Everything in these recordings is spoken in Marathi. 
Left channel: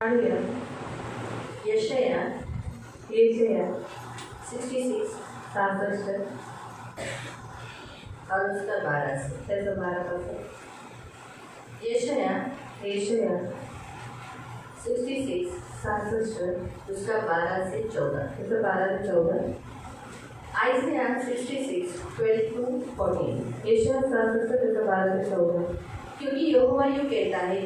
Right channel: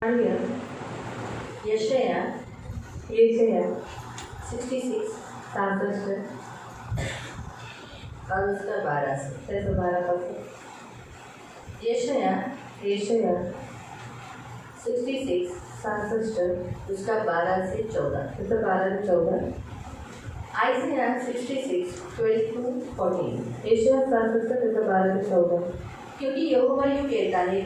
यशया 66 और उसका 12 से 12 यशया 66 उसका 12 से 14 आइज़िया 66 12 to 14 यशाया 66 12 से 14 क्योंकि यहोवा यूँ कहता है,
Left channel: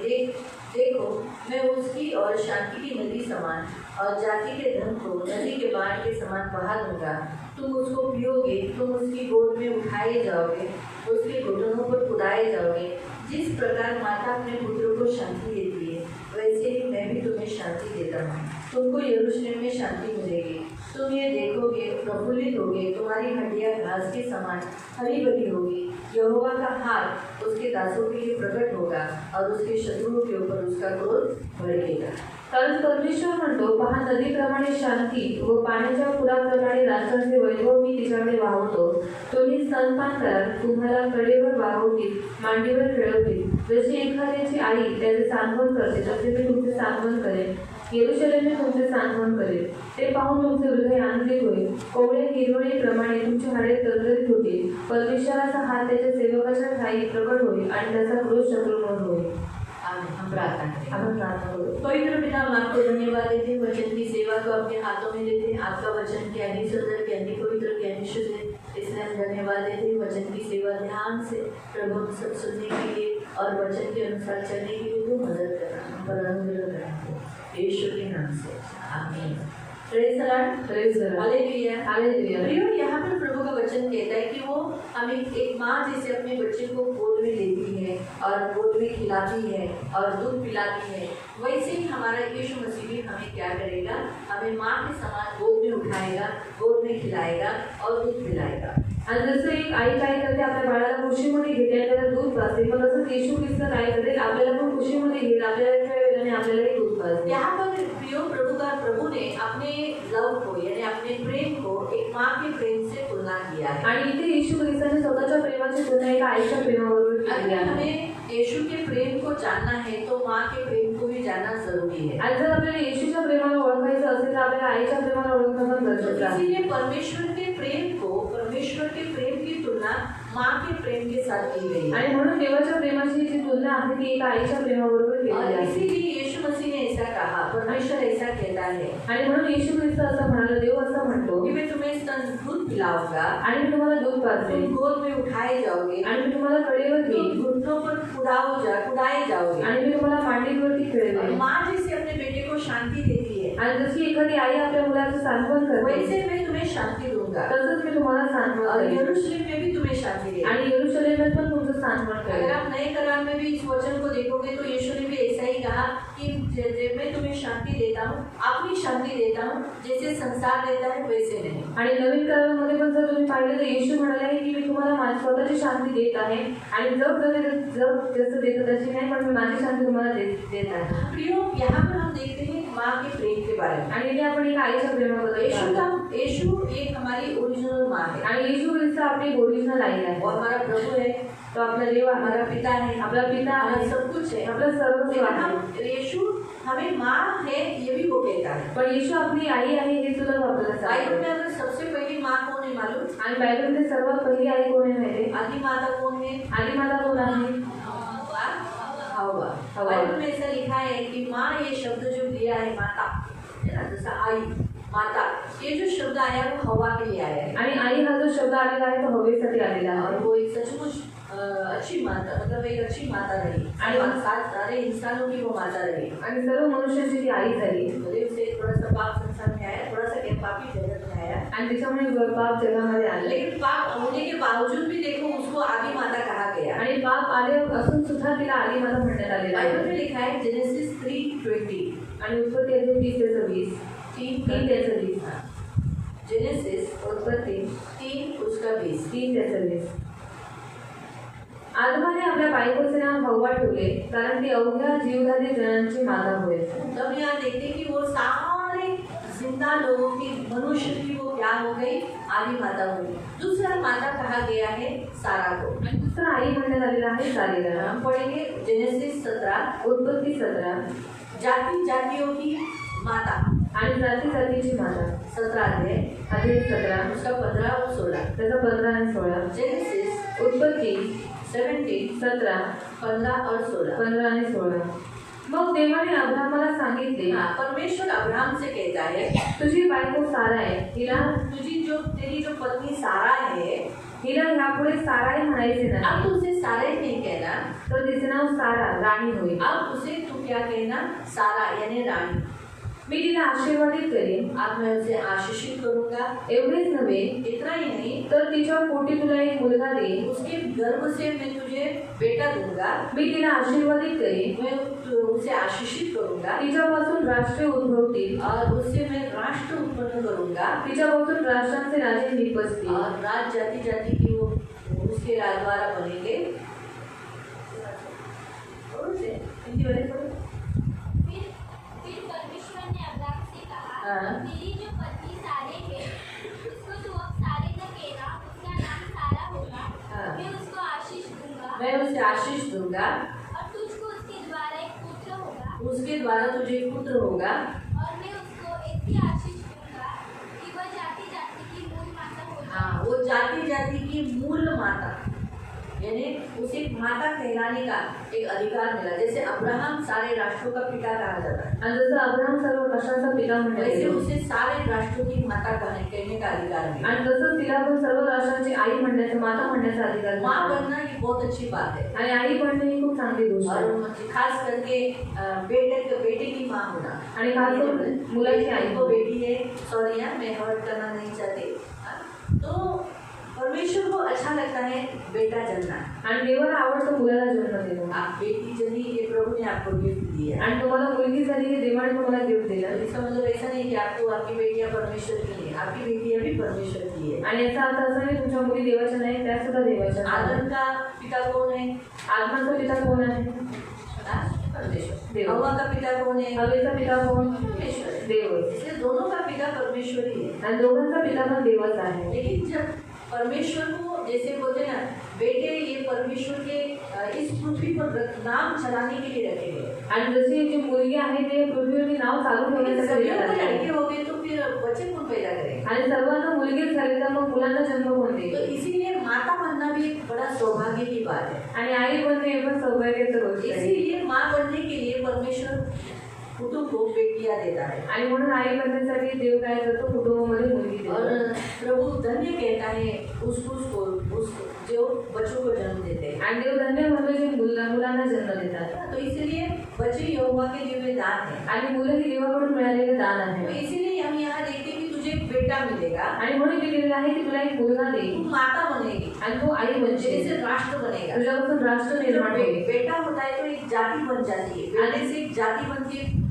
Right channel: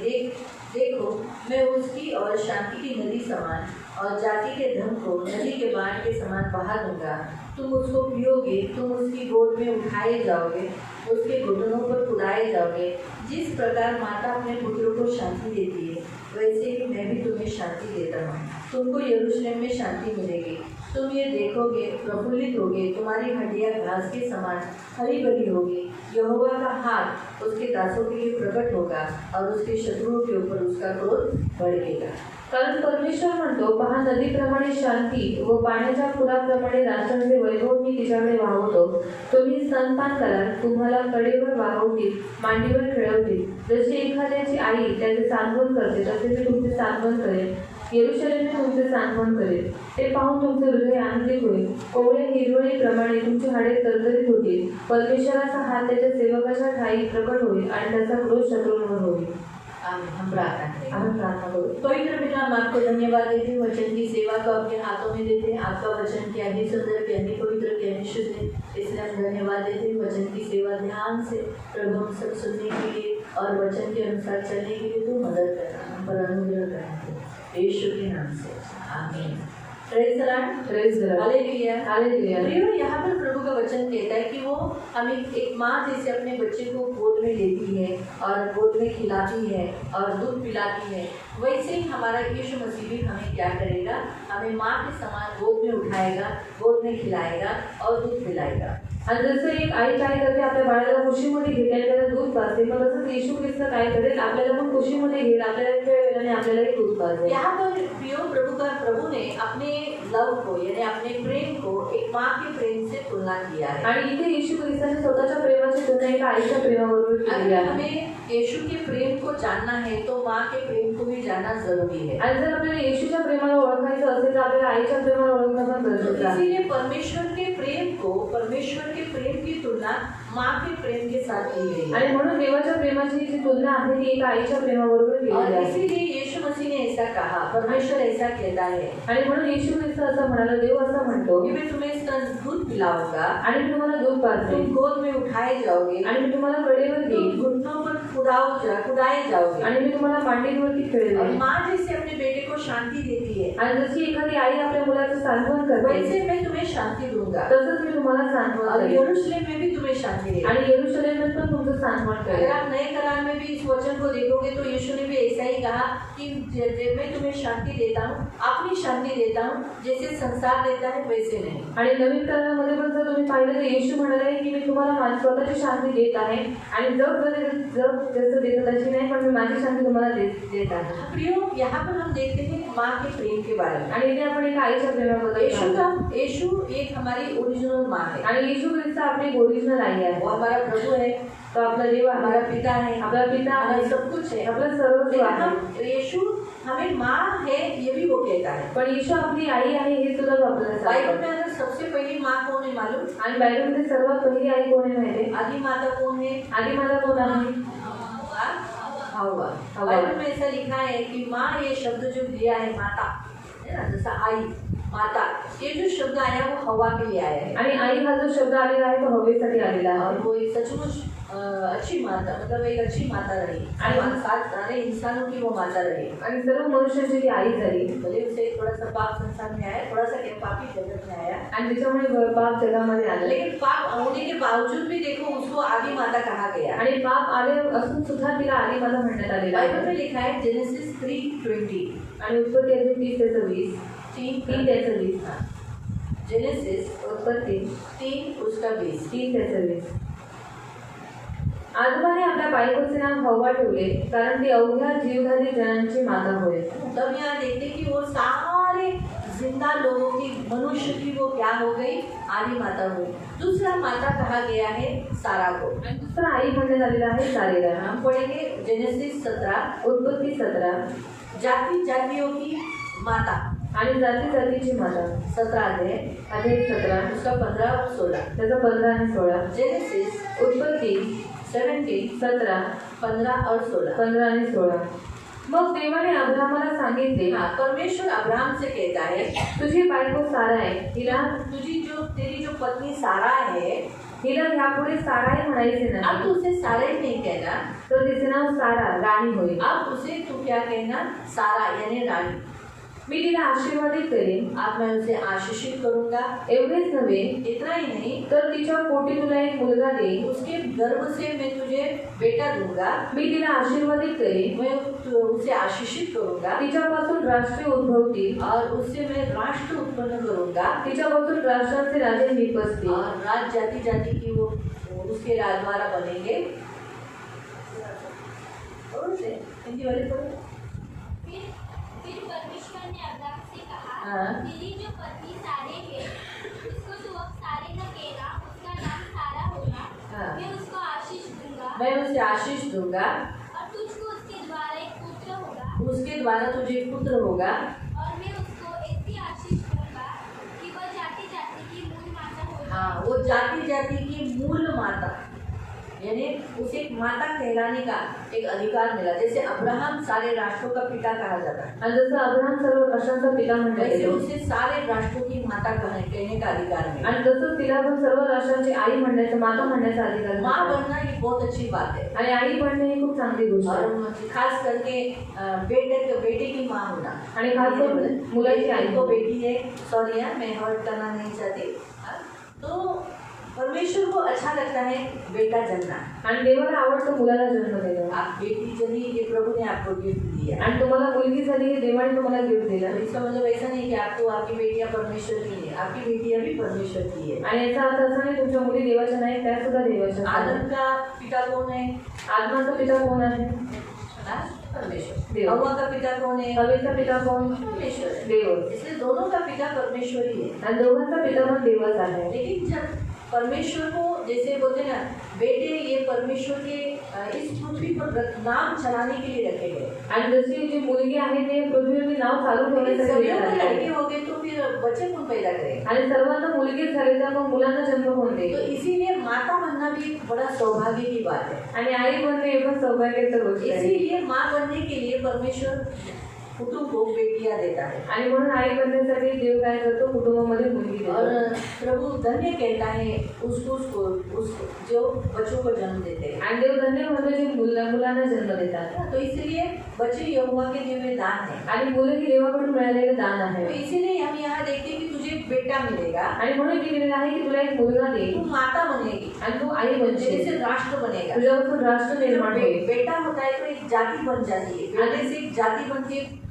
देखो मैं उसकी और शांति की नदी समान और जाति के धन को नदी के बाढ़ के समान बहा दूंगा। तुम उसको पियोगे, तुम उसकी गोद में उठाए जाओगे, उसके घुटनों पर उड़ाए जाओगे। जिस प्रकार माता अपने पुत्रों को शांति देती है, वैसे ही मैं भी तुम्हें शांति देता हूँ। तुमको यरूशलेम में शांति मिलेगी। तुम ये देखोगे, प्रफुल्लित होगे, तुम्हारी हड्डियाँ घास के समान हरी भरी होगी। यहोवा का हाथ उसके दासों के लिए प्रकट होगा और उसके शत्रुओं के ऊपर उसका क्रोध भड़केगा। कारण परमेश्वर म्हणतो, पहा नदीप्रमाणे शांती व पाण्याच्या पुराप्रमाणे राष्ट्रांचे वैभव मी तिच्याकडे वाहवतो. तुम्ही स्तनपान कराल, तुम्हाला कडेवर वाहवतील, मांडीवर खेळवतील. जशी एखाद्याची आई त्याचे सांत्वन करते, तसे मी तुमचे सांत्वन करेन. यरूशलेमने तुमचे सांत्वन करेल. ते पाहून तुमचे हृदय आनंदित होईल. कोवळ्या हिरवळीप्रमाणे तुमची हाडे तरतरीत होतील. परमेश्वराचा हात त्याच्या सेवकाच्या ठाई प्रकट होईल आणि त्याचा क्रोध शत्रूंवर होईल. हम प्रार्थना करो। पवित्र पिता, हम आपको धन्यवाद देते हैं, वचन की सेवा को अपने हाथों में देते हैं। आपका वचन क्या ही सुंदर, क्या ही पवित्र, क्या ही शुद्ध है, इसलिए हम धन्यवाद देते हैं। वचन की सेवा ध्यान से प्रभु हम सब सुनने के लिए और वचन के अनुसार चलने के लिए तो मदद करना, हम पर अनुग्रह करना, यीशु के नाम से आमीन। Praise the Lord, hallelujah, hallelujah. यहाँ पर प्रभु का वचन कहता है कि वो हमें एक माँ जैसे अपने बच्चे को गोद में लेती है और गोद में खिलाती है और दूध पिलाती है, वैसे ही हमारा यीशु मसीह भी हमें क्या करेगा, हमें माँ के समान गोद में उठाएगा, गोद में खिलाएगा और दूध पिलाएगा। आणि जसं एक आई काय करते, आपल्या बाळाला कुशीमध्ये घेते आणि त्याला दूध पाजते, पण तसंच येशू ख्रिस्त काय करेल, आपल्याला पण कुशीमध्ये घेईल, आपल्याला खेळवेल आणि आपल्यालाही दूध पाजेल. यहाँ पर प्रियो प्रभु ने अपने लव को यानी अपने प्रेम को एक माँ के प्रेम से तुलना किया है. आणि इथे येशू ख्रिस्ताने स्वतःच्या प्रेमाची तुलना एका आईच्या प्रेमाबरोबर केली आहे. हमें यीशु के प्रेम को जानना है तो माँ के प्रेम को भी जानना जरूरी है. आणि जर आपल्याला येशूच्या प्रेमाला ओळखायचं असेल तर आपल्याला आईच्या प्रेमाला ओळखणं पण गरजेचं आहे. इसीलिए परमेश्वर के प्रेम की तुलना माँ के प्रेम के साथ की गई है. आणि म्हणून देवाच्या प्रेमाची जी तुलना आहे ती एका आईच्या प्रेमाबरोबर केली आहे. इसीलिए यीशु मसीह ने ऐसा कहा, परमेश्वर ऐसा कहता है. आणि म्हणून येशू ख्रिस्त असं म्हणाला, देव असं म्हणतो कि मैं तुम्हें दूध पिलाऊंगा आणि मी तुम्हाला दूध पाजेल, तुम गोद में उठाए जाओगे आणि मी तुम्हाला कडेवर घेईन, घुटनों पर उड़ाए जाओगे आणि मी तुम्हाला मांडीवरती खेळवेन. माँ जैसे अपने बेटे को शांति देती है आणि जशी एखादी आई आपल्या मुलाचं सांत्वन करते, वैसे मैं तुम्हें शांति दूंगा. तसंच मी तुम्हाला सांत्वन और करेन. यरूशलेम में भी तुम्हें शांति देगा. आणि यरूशलेमात पण तुमचं सांत्वन अगर करेन. आप नए करार में भी इस वचन को देखोगे तो यीशु ने भी ऐसा ही कहा कि मैं तुम्हें शांति देता हूँ, अपनी शांति देता हूँ, जैसे संसार देता है वैसे नहीं. आणि नवीन करारामध्ये पण जर तुम्ही पाहिलं तर येशू म्हणाले की मी तुम्हाला माझी स्वतःची शांती देत आहे आणि जग जसं देतं तशी नाही, पण मी माझी शांती तुम्हाला देत आहे. प्रियो, यहाँ पर हम देखते हैं माँ के प्रेम के बारे में. आणि इथे आपण एक आईच्या प्रेमाबद्दल यीशु एक हमारी ओरिजिनल माँ है. आणि येशू ख्रिस्त आपली ओरिजिनल आई आहे. वो हमारा प्रभु है, तो आपला देव आहे, हमारा पिता है, आपला पिता हमारा आहे, सब कुछ है, आपला सर्वस्व आहे. यीशु हमें माँ है ये भी वो कहता है. पण येशू आपली आई आहे हे सुद्धा आपल्याला बाइबल सांगतो. में अगर सबसे पहली माँ कौन है मालूम? आणि बायबलमध्ये सर्वात पहिली आई कोण आहे माहिती आहे? आदि माता कौन है? आधी मला कोण आहे? हवा. बाइबल में ऐसा लिखा है कि माँ ये शब्द जो दिया है माता, है ना, जैसा आई माता, ये जो शब्द आया वो हवा के लिए आया है. आणि आई हा जो शब्द आलेला आहे तो हवेसाठी आलेला और आहे. वो एक सचमुच अच्छी माता, मतलब एक अच्छी माता रही. सारे इंसानों की वो माता रही. आणि सर्व मनुष्याची ती आई झाली. भले उसे थोड़ा सा पाप संसार में आया, थोड़ा सा क्या पापी जगत में आया, आणि त्याच्यामुळे पाप जगामध्ये आले. लेकिन पाप होने के बावजूद भी देखो उसको आदि माता कहा गया. आणि पाप आले असून सुद्धा तिला आदी माता म्हणण्यात आलेला बाइबल आहे. में लिखा है जेनेसिस 3:20 आणि उत्पत्ती 30:20 3:20 जेनेसिस उत्पत्ती 3:20. 3:20 आदमाने आपल्या बायकोचे नाव हव्वा ठेवले, कारण ती अवघ्या जीवधारी जनांची माता होय. तब यहाँ देखते कि वो सारे जिंदा लोगों की, मनुष्य की वो क्या हो गई, आदि माता हुई. दूसरा माता कहा गया है सारा को. दुसरा आई म्हणण्यात आलेला आहे सारेला. हम पढ़ेंगे जेनेसिस 17 उत्पत्ती 17 जाति जातियों की माता, आणि जाती जातीची माता. 17 अध्याय, अध्याय 17 उसका 15 और 16. त्याचा 15 आणि 16. जेनेसिस उत्पत्ती 17, 17 15 और 16. 15 आणि 16. मग देवाने अब्राहमाला सांगितले, हाँ, परमेश्वर अब्राहम से कहता है, तुझी बायको सारा आहे, तेरी जो पत्नी सारा है, हिला ह्यापुढे साराई म्हणायचे अब नाही, तो उसे सारा ही नहीं कहना, तर तिचे नाव सारा राणी होईल. अब उसे तू क्या कहना, सारा यानी रानी. मी तिला आशीर्वादित करेन. अब मैं उसे आशीषित करूंगा. एवढेच नव्हे, इतना ही नहीं, तर तिच्या पोटी तुला एक मुलगा देईन. उसके गर्भ से मैं तुझे बेटा दूंगा. मी तिला आशीर्वादित करेन. मैं उसे आशीषित करूंगा तिच्यापासून राष्ट्रे उद्भवतील, और उससे मैं राष्ट्र उत्पन्न करूंगा तिच्यापासून राष्ट्रांचे राजे निपजतील. और राज जाति जाति की वो उसके द्वारा बनेंगे. और उसे हिंदी वाले पढ़ो. फिर परमेश्वर ने अब्राहम से कहा, हाँ. तेरी जो पत्नी सारे है, उसको तू अब सारे न कहना, उसका नाम सारा होगा. हाँ. मैं उसको आशीष दूंगा मैं उसे आशीष दूंगा, और तुझको उसके द्वारा एक पुत्र होगा. उसके द्वारा तुझे पुत्र होगा. और मैं उसको ऐसी आशीष दूंगा कि वह जाति जाति की मूल माता होगी. हाँ, वो जाति जाति की मूल माता, यानी उसे माता कहलाने का एक अधिकार मिला. जैसे अब्राहम सारे राष्ट्रों का पिता कहा जाता है, आणि जसं अब्राहम सर्व राष्ट्रांचा पिता म्हणण्यात वैसे येतो, उसे सारे राष्ट्रों की माता कहने का अधिकार मिला. आणि तसंच तिला पण सर्व राष्ट्रांची आई म्हणण्याचा, माता म्हणण्याचा अधिकार माँ मिळाला. बनना ये बहुत अच्छी बात है. आणि आई बनणे ही खूप चांगली गोष्ट आहे. और खास करके बेटे की माँ होना. आणि खास करून मुलाची आई. तो बेटी है, सॉरी यार मैं हर्ट करना नहीं चाहती. तो परमेश्वर को अच्छा लगता है बेटा जन्ना. आणि देवाला आवडतं मुलाला जन्म देणं. आप बेटी जनी, ये प्रभु ने आपको गिफ्ट दिया. आणि तुम्हाला मुलगी झाली की देवाने तुम्हाला गिफ्ट दिला. इसका मतलब ऐसा नहीं कि आपको आपकी बेटियां परमेश्वर की है, आपकी बेटियां भी परमेश्वर की है. आणि याचा अर्थ असा नाही तुमच्या मुली देवाच्या नाही, त्या सुद्धा देवाच्या आदम आहेत. का पिता कौन है? आत्माचा पिता कोण आहे? हाँ, परमेश्वर. देव. हव्वा का पिता कौन है? हवेचा पिता कोण? परमेश्वर है. देव. इसलिए दोनों का पिता परमेश्वर ही है. आणि दोघांचा पिता पण देवच आहे. लेकिन जब परमेश्वर को जैसे बोलते ना, बेटे ये परमेश्वर के इस पृथ्वी पर नाम चलाने के लिए रखे गए. आणि जशी जी मुलगी आहे ते पृथ्वीवरती नाव चालू ठेवण्यासाठी सभी दिलेलं को लड़के आहे. हो गए तो फिर बच्चे कौन पैदा करेंगे? आणि सर्वांना मुलगी झाली तर मग मुलांना जन्म कोण तो देईल? इसीलिए माता बनना भी एक बड़ा सौभाग्य की बात है. आणि आई बनणे हे पण सौभाग्याची गोष्ट आहे. इसीलिए माँ बनने के लिए परमेश्वर कुटुंब को बेटियां देता है. आणि म्हणून आई बनण्यासाठी देव काय करतो, कुटुंबामध्ये मुलगी और देतो. प्रभु धन्य कहता है उसको जो बच्चों को जन्म देते हैं. आणि देव धन्य म्हणजे जे मुलांना जन्म देतात. तो इसलिए बच्चे यहोवा के दिए दान है. आणि मुलं ही देवाकडून मिळालेले दान तो आहे. इसीलिए हम यहाँ देखते हैं कि तुझे एक बेटा मिलेगा, आणि म्हणून लिहिलेलं आहे की तुला एक मुलगा तू देईल माता बनेगी, आणि तो आई तेरे बनशील, से राष्ट्र बनेगा. तुझ्यापासून राष्ट्र निर्माण होईल. बेटा होता है तो एक जाति बन जाती है. बेटे से एक जाति बनती है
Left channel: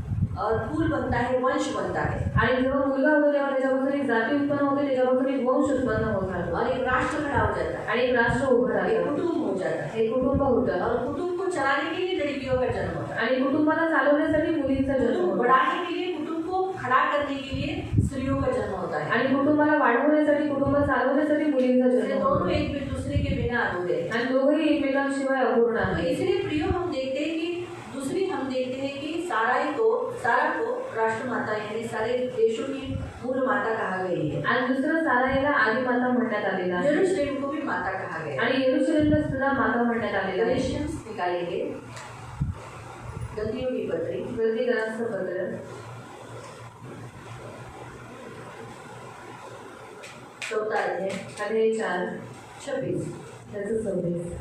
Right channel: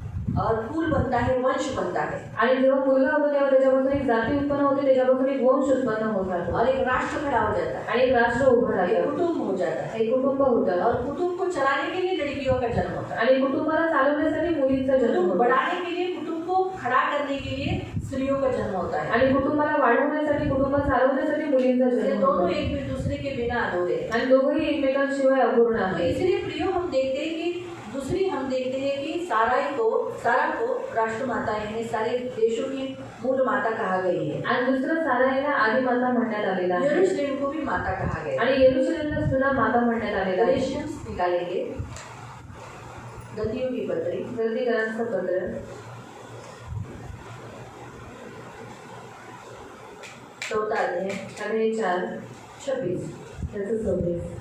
और कुल बनता है, वंश बनता है. आणि जेव्हा मुलगा होतो तेव्हा त्याच्यापासून एक जाती उत्पन्न होते, त्याच्यापासून एक वंश उत्पन्न होत राहतो और एक राष्ट्र खड़ा हो जाता है, आणि एक राष्ट्र उभं एक राहतं, कुटुंब हो जाता है. एक कुटुंब होतं. और कुटुंब को चलाने के लिए लड़कियों का जन्म होता है. आणि कुटुंबाला चालवण्यासाठी मुलींचा जन्म कुटुंब होतो. बढ़ाने के लिए, कुटुंब को खड़ा करने के लिए स्त्रियों का जन्म होता है. आणि कुटुंबाला वाढवण्यासाठी, कुटुंब चालवण्यासाठी मुलींचा इसलिए जन्म दोनों होतो. एक दूसरे के बिना अधूरे हैं. आणि दोघंही एकमेकांशिवाय अपूर्ण तो आहेत. इसलिए प्रियो हम देखते हैं कि दूसरी हम देखते हैं कि सारा को राष्ट्र माता यानी सारे देशों की मूल माता कहा गई है. आणि दुसरं साराईला आदी माता म्हणण्यात आलेला आहे. यरूशलेम को भी माता कहा गया है. आणि येरुशलेमला सुद्धा माता म्हणण्यात आलेला आहे. गलेशियंस निकालेंगे, गलतियों की पत्री, गलतीकरांचं पत्र 14 अध्याय अध्याय 4 26. त्याचं 26.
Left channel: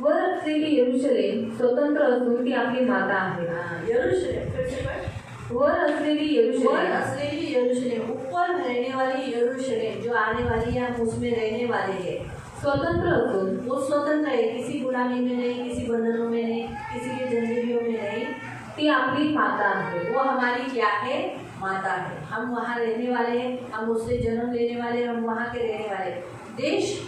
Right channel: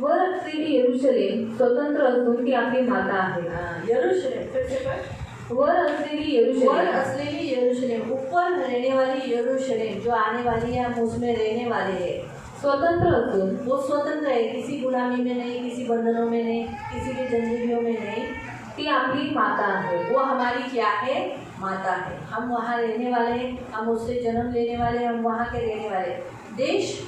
वर असलेली येरुशलेम स्वतंत्र असून ती आपली माता आहे. यरूशलेम फिर से पढ़. वर असलेली वर येरुशलेम असलेली यरूशलेम, ऊपर रहने वाली यरूशलेम जो आने वाली है, हम उसमें रहने वाले हैं. स्वतंत्र असून वो स्वतंत्र है, किसी गुलामी में नहीं, किसी बंधनों में नहीं, किसी के जंजीरों में नहीं. ती आपली माता आहे. वो हमारी क्या है? माता है. हम वहाँ रहने वाले हैं, हम उससे जन्म लेने वाले हैं, हम वहाँ के रहने वाले हैं. देश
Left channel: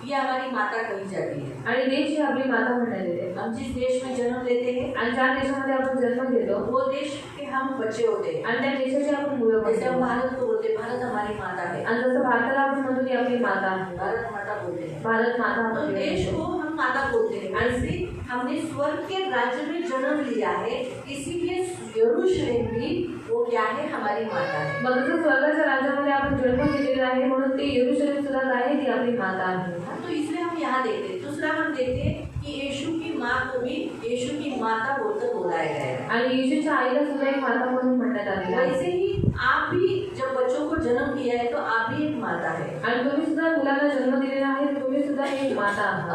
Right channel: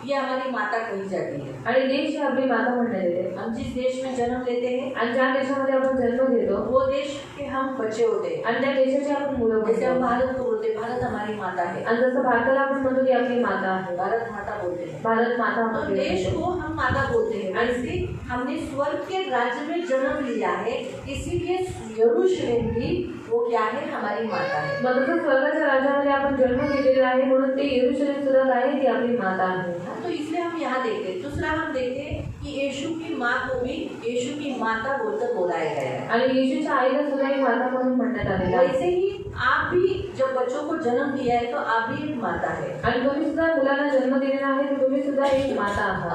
ये हमारी माता कही जाती है. आणि देश ही आपली माता म्हणण्यात येते. हम जिस देश में जन्म लेते हैं आणि ज्या देशामध्ये आपण जन्म घेतो वो देश के हम बच्चे होते हैं. आणि त्या देशाची आपण मुलं जैसे हम बनतो. भारत को बोलते हैं, भारत हमारी माता है. आणि जसं भारताला आपण म्हणतो ती आपली माता आहे. भारत माता बोलते हैं. भारत माता तो आपली देश आहे. को हम माता बोलते हैं, वैसे हमने स्वर्ग के राज्य में जन्म लिया है, इसीलिए यरूशलेम भी वो क्या है, हमारी माता है। मग जसं स्वर्गाच्या राज्यामध्ये आपण जन्म घेतलेला आहे म्हणून ते यरूशलेम सुद्धा काय आहे, ती आपली माता आहे. तो इसलिए हम यहाँ देखते हैं। दूसरा हम देखते हैं कि यीशु की माँ को भी यीशु की माता बोलकर बुलाया गया है। आणि येशूच्या आईला सुद्धा एक माता म्हणून म्हणण्यात आलेलं आहे. वैसे ही आप भी जब बच्चों को जन्म दिया है तो आप भी एक माता है, आणि तुम्ही सुद्धा मुलांना जन्म दिलेला आहे तर तुम्ही सुद्धा एक माता आहात.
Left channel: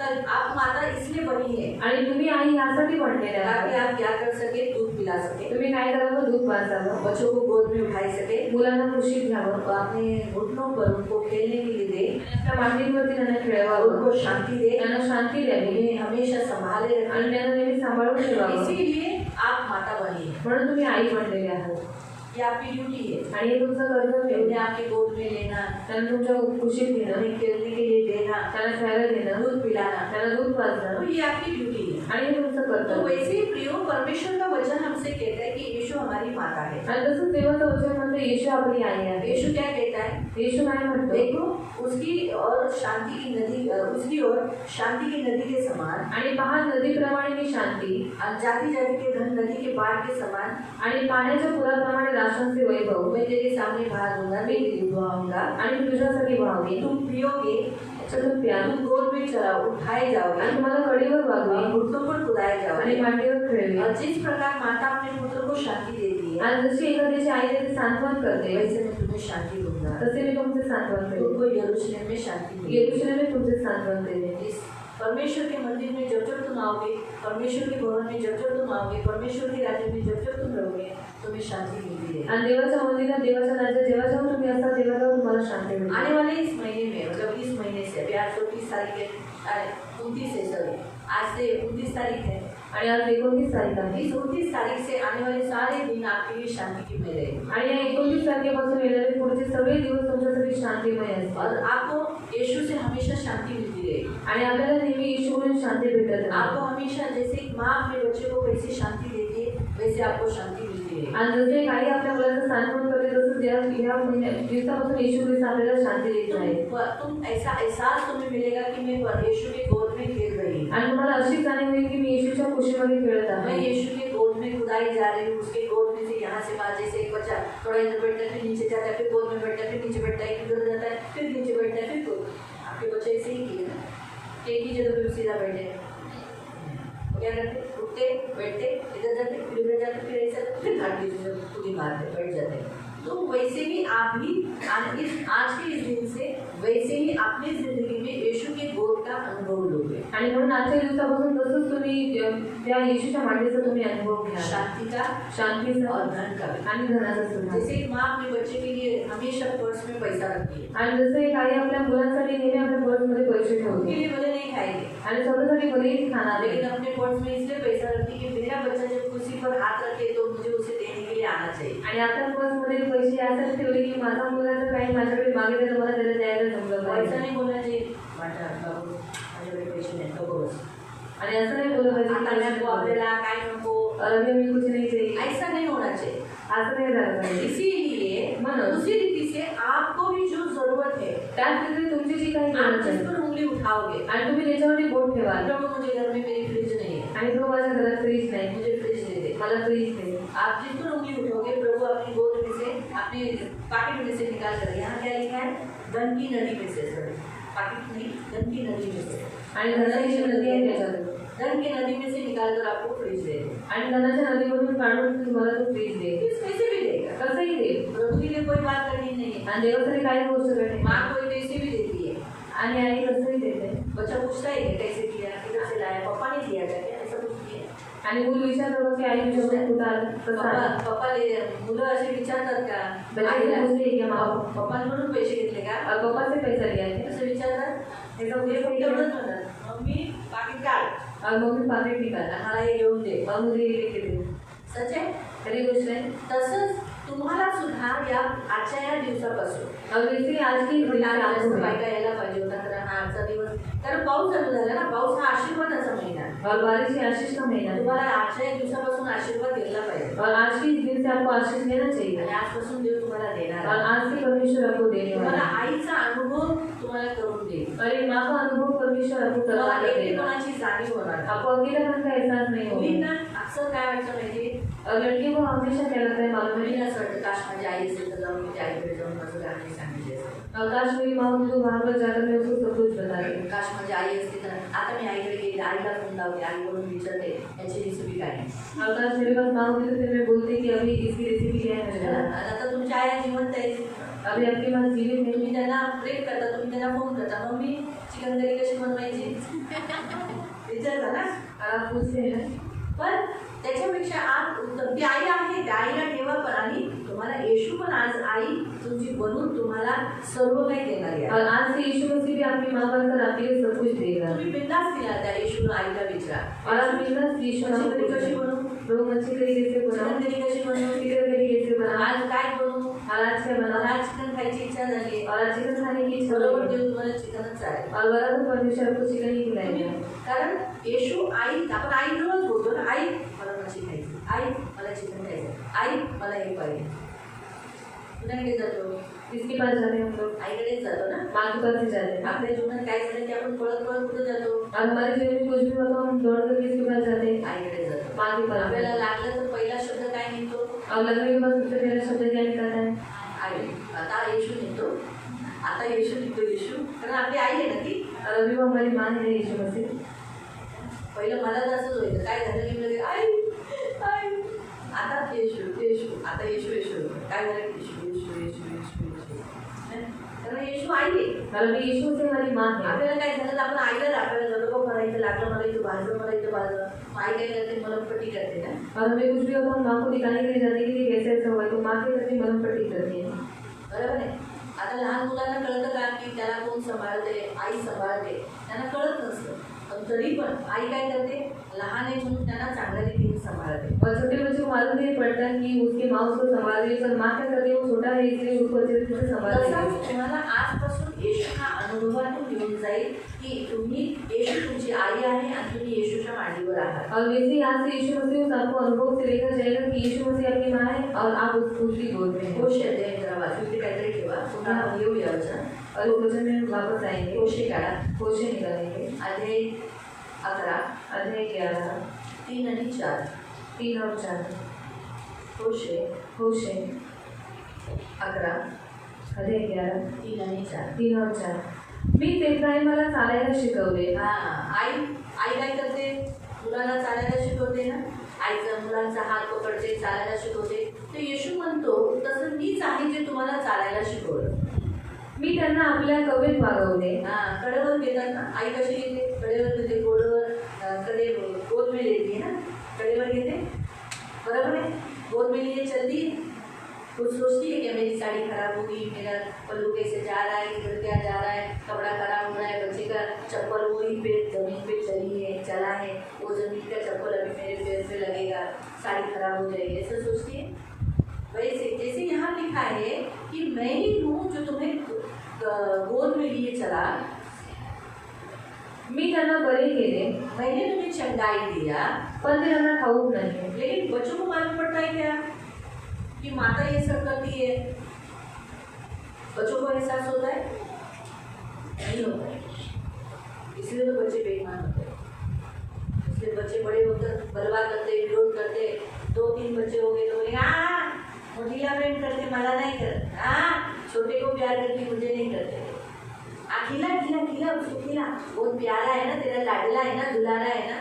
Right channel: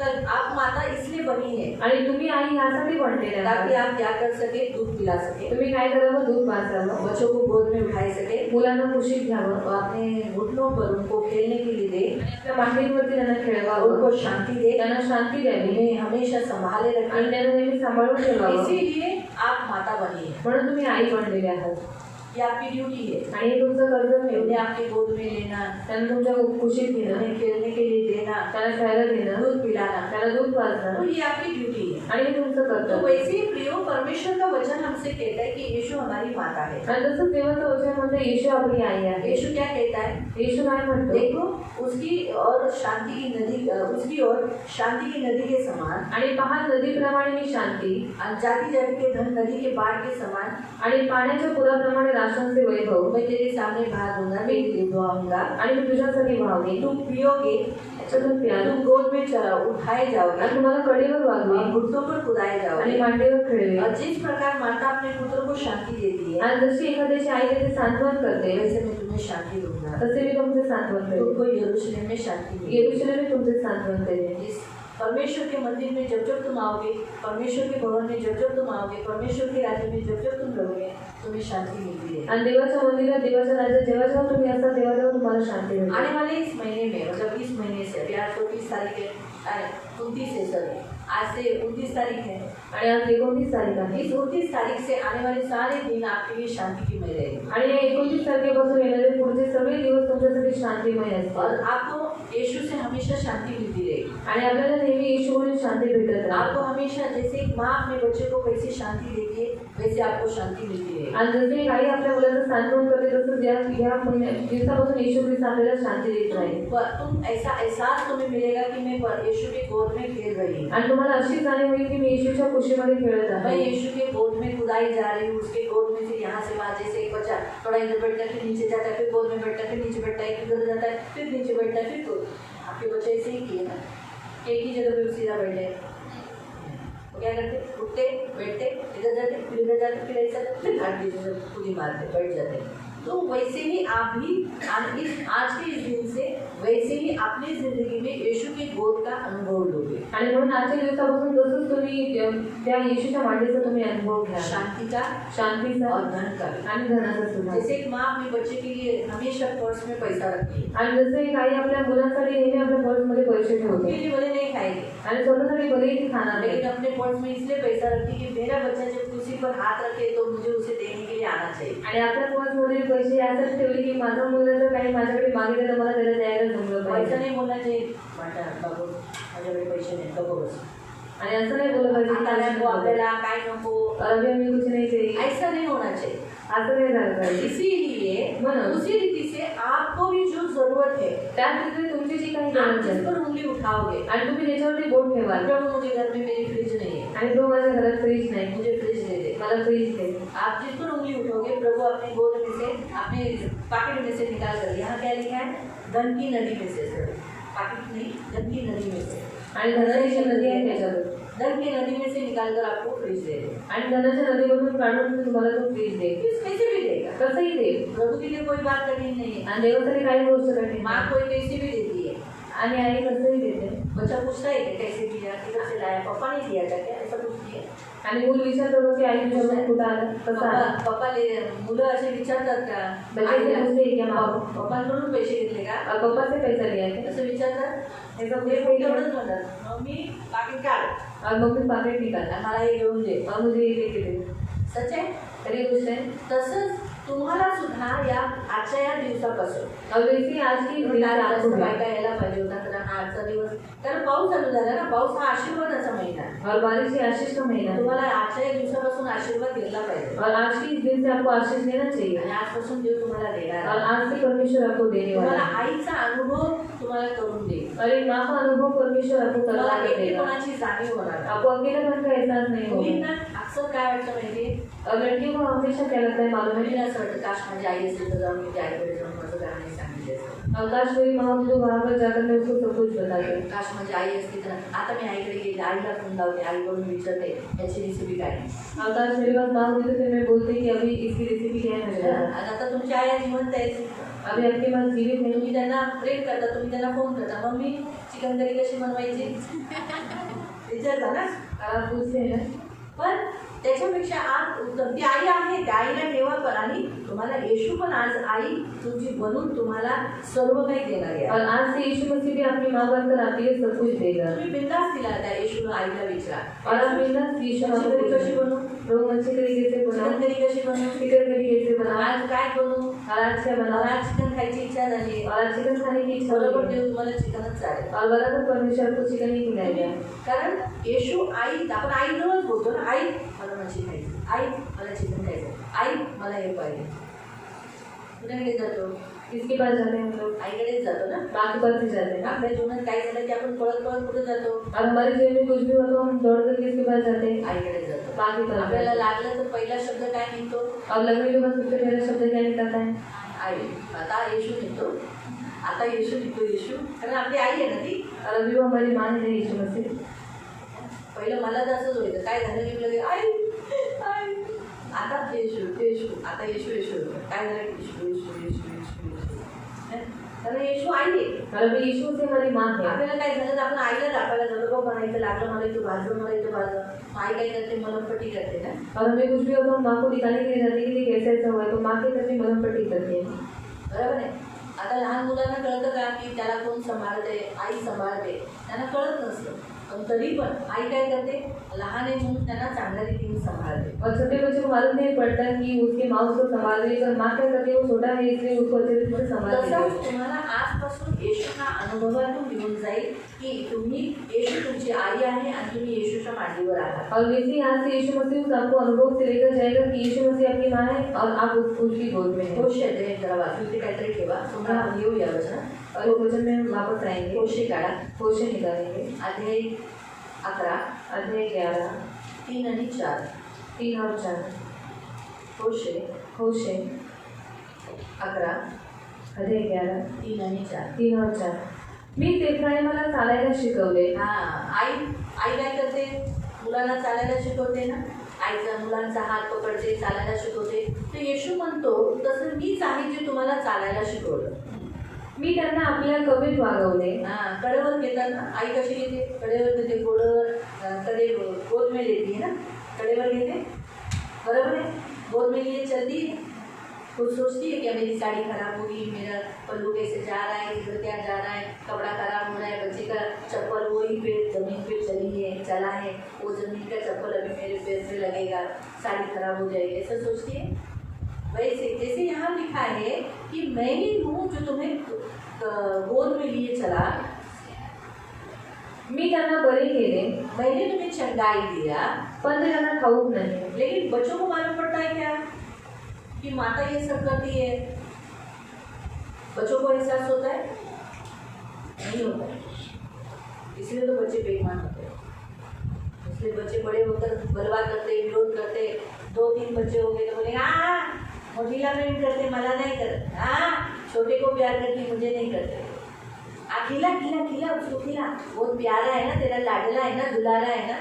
और आप माता इसलिए बनी है आणि तुम्ही आई यासाठी बनलेल्या ताकि आहात. आप क्या कर सके, दूध पिला सके, तुम्ही काय करावं, दूध पाजावं, बच्चों को गोद में उठाई सके, मुलांना कुशीत घ्यावं, और अपने घुटनों पर उनको खेलने के लिए दे, त्या मांडीवरती त्यांना खेळवावं, उनको शांति दे, त्यांना शांती द्यावी उन्हें हमेशा संभाले आणि रखे। त्यांना नेहमी सांभाळून ठेवावं. इसीलिए आप माता बनी है, म्हणून तुम्ही आई बनलेले आहात. ये आपकी ड्यूटी है। आणि हे तुमचं कर्तव्य उन्हें आहे. आपके गोद में लेना, त्यांना तुमच्या कुशीत घेणं, उन्हें खेलने के लिए देना, त्यांना खेळायला देणं, दूध पिलाना, त्यांना दूध पाजणं, तो ये आपकी ड्यूटी है। आणि हे तुमचं तो कर्तव्य. वैसे ही प्रियो परमेश्वर का वचन हमसे कहता है कि यीशु हमारी माता है। आणि जसं देवाचं वचन म्हणतं येशू आपली आई आहे. यीशु क्या कहता है, येशू काय म्हणतो, देखो उसकी और शांति की नदी, उसकी और शांति की नदी के समान, आणि पहा नदीप्रमाणे मी शांती, जाति जाति के धन नदी के बाढ़ के समान, आणि पाण्याच्या पुराप्रमाणे राष्ट्रांचे वैभव मैं तेरे सामने बहा दूंगा, मैं तेरे बहाऊंगा, आणि मी तुझ्यासाठी वाहवे. तुम पियोगे, तुम्ही प्या, तुम गोद में उठाए जाओगे, आणि तुम्हाला कडेवर वागवे, और घुटनों पर कुदाए आणि जाओगे। मांडीवर खेळवे. और जिस प्रकार माता अपने पुत्र को शांति देती है, आणि जशी एखाद्याची आई त्याचे सांत्वन करते, वैसे मैं तुम्हें शांति दूंगा। तसे मी तुमचे सांत्वन करेन. तुमको यरूशलेम में शांति मिलेगी। येरूशलेम तुमचे सांत्वन करेन. इस परमेश्वर के मंदिर में जब जब तुम आओगे, परमेश्वर के भवन में जब जब तुम आओगे, परमेश्वर के राज्य में जब जब तुम रहोगे, तुम्हें शांति मिलती है। आणि देवाच्या मंदिरात, देवाच्या राज्यात जेव्हा जेव्हा तुम्ही असता तेव्हा तेव्हा तुम्हाला शांती मिळते. आने वाले इस महीने में, मतलब इस महीने से, अभी आज 29 तारीख है, 29 है, सॉरी आज से 29 तारीख है, आणि आज 29 तारीख आहे. इस 29 तारीख से आने वाले सारे दिन आपके लिए शांतिमय रहेंगे। आणि या 29 तारखेपासून येणारे पुढचे सगळे दिवस तुमच्यासाठी शांतिमय असतील. और आपको यीशु से हमेशा शांति मिलती रहेगी। आणि आपल्याला नेहमी येशूकडून शांती भेटत राहते. आपको हमेशा, जैसे एक माँ अपने बच्चे को कैसे शांति देती है, वैसे आपको शांति मिलती रहेगी। आणि जसे काही आपल्या मुलाचं सांत्वन करते तसंच या दिवसापासून येशू ख्रिस्त आपल्याला शांती देत राहील. तुम ऐसा एहसास तुम्हें मिलेगा कि मैं यीशु के गोद में खेल रही हूँ, आणि तुम्हाला अशी जाणीव होईल की मी येशूच्या कुशीमध्ये खेळत मैं आहे. यीशु के गोद में खुदाई जा रही हूँ, उसके गोद में से यहाँ से वहाँ, जैसे एक बच्चा थोड़ा इधर बैठता है, फिर नीचे जाता है, फिर गोद में बैठता है, फिर नीचे बैठता है, फिर उधर जाता है, फिर नीचे बैठता है, फिर गोद। आपके बच्चे ऐसे ही किए ना, एक ही जगह पे सीधा बैठे, वो क्या करते, उठते बैठते, इधर जाते, फिर उधर जाते, फिर ऐसा, फिर घाटी खुद ही मारते, बैठ जाते। तो वैसे ही आप भी आज के इस दिन से वैसे ही अपनी जिंदगी में यीशु के गोद का अनुभव लोगे। आणि म्हणून आजच्या दिवसापासून जसंच तुम्ही त्या येशूच्या मांडीचा तुम्ही अनुभव घ्या, शांति का शांतीचा और धन का। आणि धनाचा सुद्धा. जैसे एक माँ अपने बच्चे के लिए हमेशा पर्स में पैसा रखती है, आणि जसे एक आई आपल्या मुलांसाठी नेहमी आपल्या पर्समध्ये पैसे उनके ठेवते लिए भले नहीं खाएगी, आणि स्वतःसाठी भलेही ती खाणार नाही, लेकिन अपने पर्स में इसलिए पैसा रखती है कि मेरा बच्चा जब कुर्सी पर हाथ रखे तो मुझे उसे देने के लिए आना चाहिए। आणि आपल्या पर्समध्ये पैसे यासाठी ठेवले की माझा मुलगा जर काही माझ्याकडे मागितलं तर मला त्याला द्यायला जमलं ऐसा पाहिजे. नहीं बोलना चाहिए, बाबा माझ्याकडे पैसे नाही, नको बस, आणि असं नाही बोललं पाहिजे की आता नको आपल्याला, काय नको, और अभी हमें कुछ नहीं चाहिए, ऐसा नहीं होना चाहिए। असं नाही झालं पाहिजे. इसीलिए म्हणून उसी रीति से आपको भी जो जरूरत है, त्याच रीतीने तुमची जी काही आप गरज जिस आहे पर उंगली उठाओगे, आणि तुम्ही त्याच्यावरती बोट ठेवाल, प्रभु मुझे घर में मेरी फ्रिज नहीं है, आणि तो माझ्या घरात फ्रीज नाही, मुझे फ्रिज दे दे, मला फ्रीज दे. आप जिस पर उंगली उठोगे प्रभु अपनी गोद में से, अपने पॉकेट में से निकाल कर, यहाँ क्या लिखा है, धन की नदी में से, पॉकेट नहीं, धन की नदी में से, आणि धनाची नदी आहे त्याच्यावर, धन की नदी में से निकाल कर आपको फ्रिज दे दे। आणि धनाच्या नदीमधून काढून तुम्हाला तो फ्रीज दे. कैसे भी देगा, कसंही दे. प्रभु के लिए कोई बात करनी नहीं है। आणि देवासाठी काही गोष्ट करते माँ कोई कैसे भी देती है, आणि आई कसंही देते. बच्चा पूछता है कि कैसे दिया, किधर से लाया, पापा ने दिया क्या, ऐसा पूछती है। आणि मुलं विचारतात की आई तुझ्याकडे कुठं आलं, कसं आलं. पप्पा ले, मुलं असे विचारतात का, बच्चे पूछते हैं क्या माँ पप्पांकडून पैसे घेतले का, और पापा से पैसा लिया है, असं विचारतात, हे सब ते ये फक्त एवढंच म्हणतात, मम्मी पाकिट काढ, और मम्मी पाकिट निकाला मला हे घेऊन दे, और मुझे ये लेके दे. सच आहे। खरी गोष्ट आहे. तसंच तुम्हाला सुद्धा या आजच्या या दिवसापासून और इसी आज की घटना आपको बायका यायला पाहिजे होता, तर आजचा दिवस, कारण पाऊस चालू झाला ना, पाऊस हा आशीर्वादाचा महिना आहे. और बारिश ही आशीष का महीना है तुम्हाला आजच्या एक दिवसापासून आशीर्वाद घेतला पाहिजे और आज के इस दिन से आपको आशीष लेना चाहिए आणि आजपासून देव तुम्हाला देणार और आहे. आज से परमेश्वर आपको देने वाला तुम्हाला है आईचा अनुभव तुम्हाला करून देईल. और एक माँ का अनुभव परमेश्वर आपको करवा तुम्हाला कर देगा एकटेपणाची जाणीव होणार. आपको अकेलापन का एहसास नहीं होगा मुलींना अक्सर काय वाटतं माहिती, और लड़कियों को हमेशा क्या लगता है मालूम है मुलीला असं वाटतं काश माझी आई असेल तर जाऊन मी त्या आईकडे जाऊन माझं गाणं सांगितलं असतं. आकाश मेरी माँ मुझे वहाँ पर जाकर मैं उसको सब कुछ बता दी काश माझी आई असती तर आता मी आईकडे गेले, आईला फोन लावते, आईकडून विचारते याची रेसिपी काय आहे. आकाश मेरे पास माँ होती तो फिर मैं बोलती कि अभी इसकी रेसिपी क्या है मुझे बता। आणि आता तुमच्या आई जिवंत आहेत, अभी आपके पास जीवित नहीं तुम्ही त्यांना प्रेम करता, तुम्ही त्यांना फोन करता, मम्मी चिकन करी कशी बनवायची विचारता ना. आप पूछते हैं पण त्याच्यापेक्षा आज ती आई आहे, त्या आईला ठेवा. पण आणि तुम्हाला येशू पण आज आई तुमची बनून तुम्हाला सर्व काही देणार आहे. और आज से यीशु मसीह भी अपनी माँ बनकर आपके लिए सब कुछ देगा तुम्ही बिंदास दिला त्या येशूला आईला विचारा, और आप बिंदास यीशु मच्छी करी मसीह कशी बनवू, लोग मच्छी करी कैसे चिकन बनाओ करी कशी बनवू, चिकन करी कैसे बनाओ आज काय बनवू, और आज क्या बनाओ मला आज चिकन खायची इच्छा झाली. और आज चिकन खाने की इच्छा बरोबर होगी देव तुम्हाला चिकनच चालेल. और बराबर परमेश्वर आपको चिकन ही खिलाएगा कारण येशू आई, आपण आईकडूनच बोलतो ना, आई मला मच्छी खायची, आई मला चिकन खायचं, आई मला हे पाहिजे. कुणाकडे जातो, किसके पास जाते हैं हम लोग आईकडेच जातो ना. माँ के पास ही जाते हैं आपल्या जीवनात काय झालं की आपण पळत पळत कुठे जातो, और हमारे जीवन में कुछ भी हो तो हम दौड़ कर किसके पास जाते हैं आईकडे जातो. माँ के पास आपल्याला जाते लागलं तर पहिला शब्द काय निघतो, हैं। और लगने के बाद सबसे पहला शब्द क्या निकलता है आई. आता येशू निघतो, आता येशू निघतो, येशू, कारण आपली आई आहे ना ती. और अभी वो हमारी माँ है यीशु मसीह पहिलं मला तसंच व्हायचं, काय झालं की लगे आई आई, आता येशू येशू, आता येशू येशू, काय झालं येशू येशू येशू येशू येशू. कारण येशू आई आहे. और अभी यीशु से हमारी माँ है आपल्याला काय झालं तर आपण आईला राखायला जातो, बघ मला इथं लागलं, मला इथं भाजलं, मला इथं भाजलं. आई काय करते, मलमपट्टी करते ना. और हमें कुछ भी हो तो हम माँ को दिखाने के लिए जाते हैं कि ये कैसे ऐसा हुआ है तो माँ के तरफ मलम पट्टी करती है बरोबर आहे. आता लहान मुलांना कळतं का की त्याला कोण सांभाळते, आई सांभाळते, त्यांना कळत नसतं. पण तरी पण आई काय करते, लहान आहे म्हणून त्यांना चांगल्या रीतीने सांभाळते. और छोटे बच्चों को मालूम नहीं पड़ता कि उसके माँ उसको संभाल रही है और माँ क्या करती है वो छोटा है इसलिए उसको अच्छे से संभाल रही है तसंच तुम्हाला आजपासून येशूच्या अनुभवातून येऊन जाईल की तुम्ही येशू तुमची आई आहे आणि तुम्ही येशूच्या मांडीवर आहात. और वैसे ही आज से यीशु मसीह उस आपको अनुभव से लेकर जाएगा कि यीशु मसीह आपकी माँ है और आप उसकी गोद में हैं कोश येते जरा वाचून ते काहीतरी ठेवा, तुम्हाला येऊया वचन. और इस वचन में हम वापस आएंगे कोशे काढा, कोशे निकालेंगे अध्याय 11 अध्याय 11 3 आणि 4. 3 और 4 कोशे होशे 11 अध्याय 11 3 आणि 4. 3 और 4 मी एफ्राईमाला चालायला शिकवले आई आई काय करते, मुलांना चालायला शिकवते ना. आईचा मुलांचा हात पकडते, चालायला शिकवते. तर येशू म्हणतो तसं मीच आहे जे तुम्हाला चालायला शिकवलं. मी त्यांना आपल्या कवेत वागवले कडेवर घेतात ना. आई कशी घेते, कडेवर घेते, गोडवर कडे गोद में लेती है ना, कडेवर घेते. बरोबर है, गोद में लिए चलती है. कुछ सोचती है कि मेरी साड़ी खराब होगी, मेरा पल्लू कैसे जा रहा है, इधर क्या जा रहा है, कपड़ा खराब हो रहा है, बच्चे का चप्पल वही पे जमीन पे चली है, चला है, वो जमीन का चप्पल अभी मेरे पैर पे लगेगा, साड़ी खराब हो जाएगी, ऐसा सोचती है. वैसे जैसे यहाँ लिखा है कि मैं ही हूँ जो तुम्हें गोद में लिए चला, मी त्यांना बरे केले मैंने तुम्हें चंगाई दिया. पण ते त्यांना ठाऊक नाही लेकिन बच्चों को मालूम पड़ता है क्या कि माता ये सब करती है. बच्चों को एहसास होता है, नहीं होता है. इसलिए तो बच्चे बेईमान होते हैं. इसलिए बच्चे बड़े होकर बलवा करते, विरोध करते. 2-3 बच्चे हो गए तो बोलेंगे मोटीला मेंट करते, मला नहीं करते. छोटे को प्यार करती, मुझे नहीं करते. खिला खिला खिला, उसको खिला, बहुत प्यारा है ना, तेरा लाडला है ना, दुलारा है ना.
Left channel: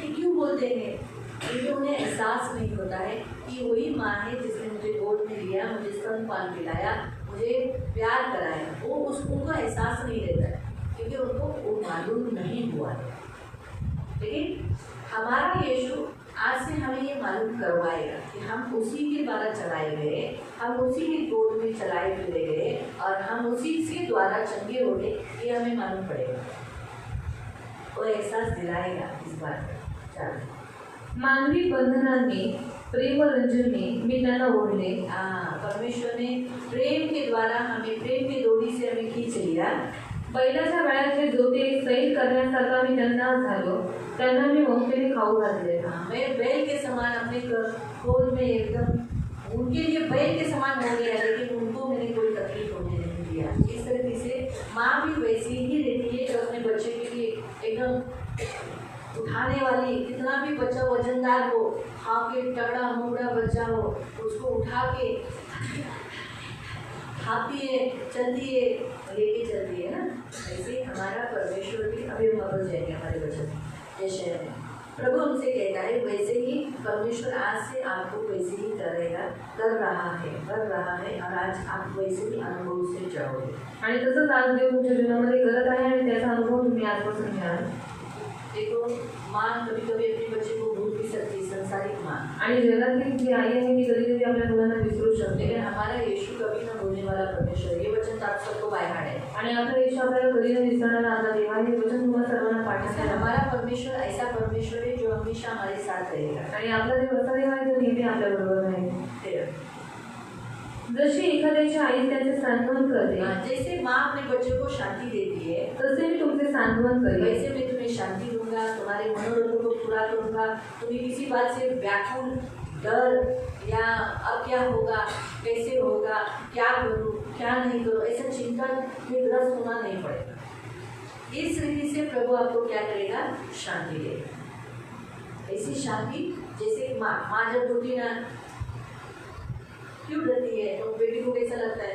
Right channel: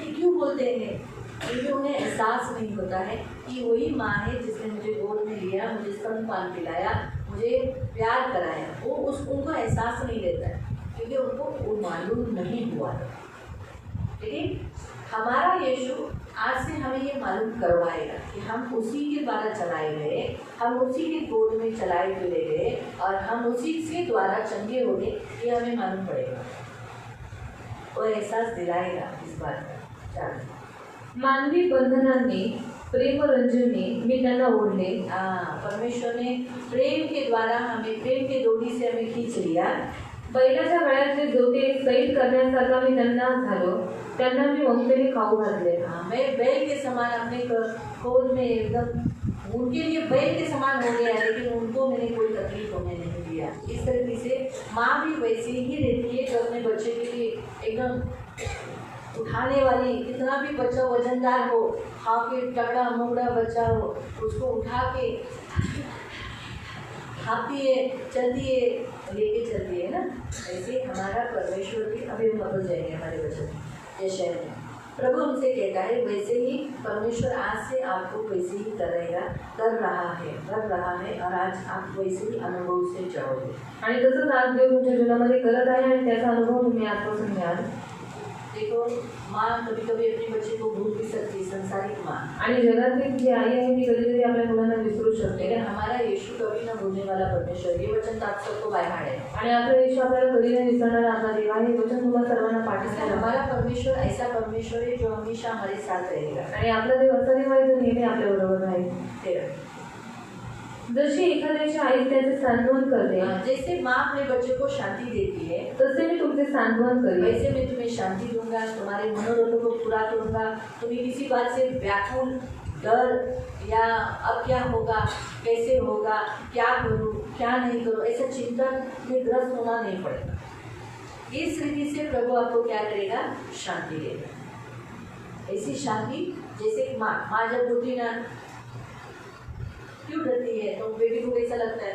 ये क्यों बोलते हैं? क्योंकि उन्हें एहसास नहीं होता है कि वही माँ है जिसने मुझे गोद में लिया, मुझे स्तनपान पिलाया, मुझे प्यार कराया. वो उनको एहसास नहीं रहता है क्योंकि उनको वो मालूम नहीं हुआ है. लेकिन हमारा यीशु आज से हमें ये मालूम करवाएगा कि हम उसी के द्वारा चलाए गए, हम उसी के गोद में चलाए फिरे गए और हम उसी के द्वारा चंगे हो गए. ये हमें मालूम पड़ेगा, वो एहसास दिलाएगा इस बात का. मानवी बंधनांनी प्रेमरंजनी मी त्यांना ओढले. परमेश्वर ने प्रेम के द्वारा हमें, प्रेम के डोरी से हमें खींच लिया. बैलाच्या गळ्यातले जोते सैल करण्यासारखा मी त्यांना झालो, त्यांना मी ममतेने खाऊ घातले. हाँ, मैं बैल के समान अपने खोल में एकदम उनके लिए बैल के समान हो गया, लेकिन उनको मैंने कोई तकलीफ होने नहीं दिया. इस तरीके से माँ भी वैसी ही रहती है जो अपने बच्चे के लिए एकदम उठाने वाली, कितना भी बच्चा वजनदार हो, खा के तगड़ा मुगड़ा बच्चा हो, उसको उठा के खाती है, चलती है, लेके चलती है ना. ऐसे हमारा परमेश्वर भी, अभी हम बदल जाएंगे हमारे वचन जैसे प्रभु हमसे कहता है, वैसे ही परमेश्वर आज से आपको वैसे ही करेगा, कर रहा है और आज आप वैसे ही अनुभव से जाओगे. आणि तसंच आज देव तुमच्या जीवनामध्ये करत आहे आणि त्याचा अनुभव तुम्ही आजपासून घ्याल. देखो, माँ कभी कभी अपने बच्चे को भूल भी सकती है, संसारिक माँ. आणि जगातली जी आई आहे ती कधी कधी आपल्या मुलांना विसरू शकते. लेकिन हमारा यीशु कभी न भूलने वाला परमेश्वर, ये वचन तो आप सबको बाय हार्ट है. आणि आपला यीशु आपल्याला कधी नाही विसरणारा आपला देव आहे. हे वचन तुम्हाला सर्वांना इसलिए पाठीस हमारा परमेश्वर ऐसा परमेश्वर है जो हमेशा हमारे साथ रहेगा. आणि आपला देव असा देव आहे जो नेहमी आपल्या बरोबर राहील. फिर जशी एखाद्याची आई त्याचे सांत्वन करते, जैसे माँ अपने बच्चे को शांति देती है, तसे मी तुमचे सांत्वन करेन. वैसे मैं तुम्हें शांति दूंगा, तुम्हारे मनोरथों को पूरा करूंगा. तुम्हें किसी बात से व्याकुल, डर या अब क्या होगा, कैसे होगा, क्या करूँ क्या नहीं करूँ, ऐसा चिंतन में ग्रस्त होना नहीं पड़ेगा. इस रीति से प्रभु आपको क्या करेगा, शांति देगा. ऐसी शांति जैसे माँ जब होती ना, क्यों डरती है, तो बेटी को कैसा लगता है,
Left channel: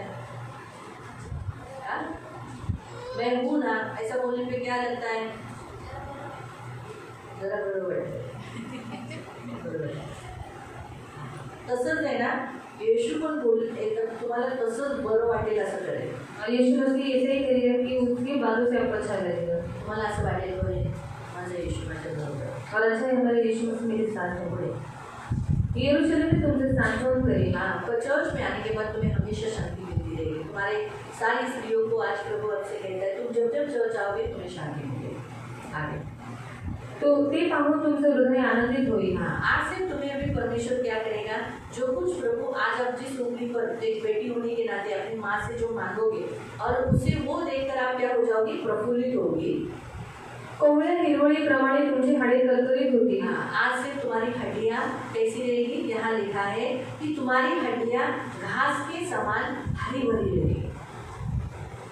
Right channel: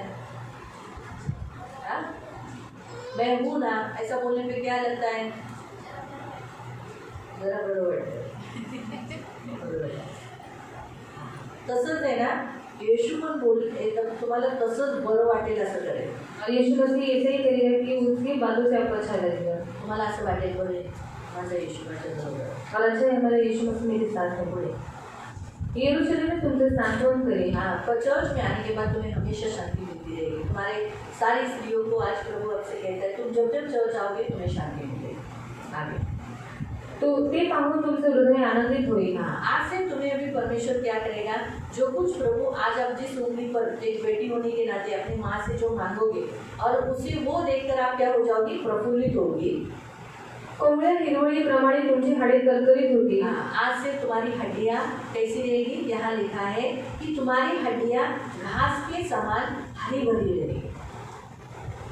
हाँ? मैं हूँ ना, ऐसा बोलने पे क्या लगता है, जरा बरोबर आहे. तसंच आहे ना, येशू पण बोल एकदम तुम्हाला तसंच बरं वाटेल असं करेल. यीशु मसीह ऐसे ही करेगा कि उसकी बातों से आपको अच्छा लगेगा. तुम्हाला असं वाटेल बरे माझा येशू माझ्या बरोबर आहे. और अच्छा है हमारे यीशु मसीह मेरे साथ है. पुढे यरूशलेम में तुमसे सांत्वन करें. हाँ, पर चर्च में आने के बाद तुम्हें हमेशा शांति मिलती रहेगी. तुम्हारे सारी स्त्रियों को आज प्रभु आपसे कहता है, तुम जब जब चर्च आओगे तुम्हें शांति मिलेगी. आगे तो ते पाहून तुमचं हृदय आनंदित होईल. हाँ, आज से तुम्हें भी परमेश्वर क्या करेगा, जो कुछ प्रभु आज आप जिस उंगली पर एक बेटी होने के नाते अपनी माँ से जो मांगोगे और उसे वो देखकर आप क्या हो जाओगी, प्रफुल्लित होगी. कोवळ्या हिरवळीप्रमाणे तुमची हाडे तरतरीत होती. हाँ, आज से तुम्हारी हड्डियाँ कैसी रहेगी, यहाँ लिखा है कि तुम्हारी हड्डियाँ घास के समान हरी भरी रहेगी.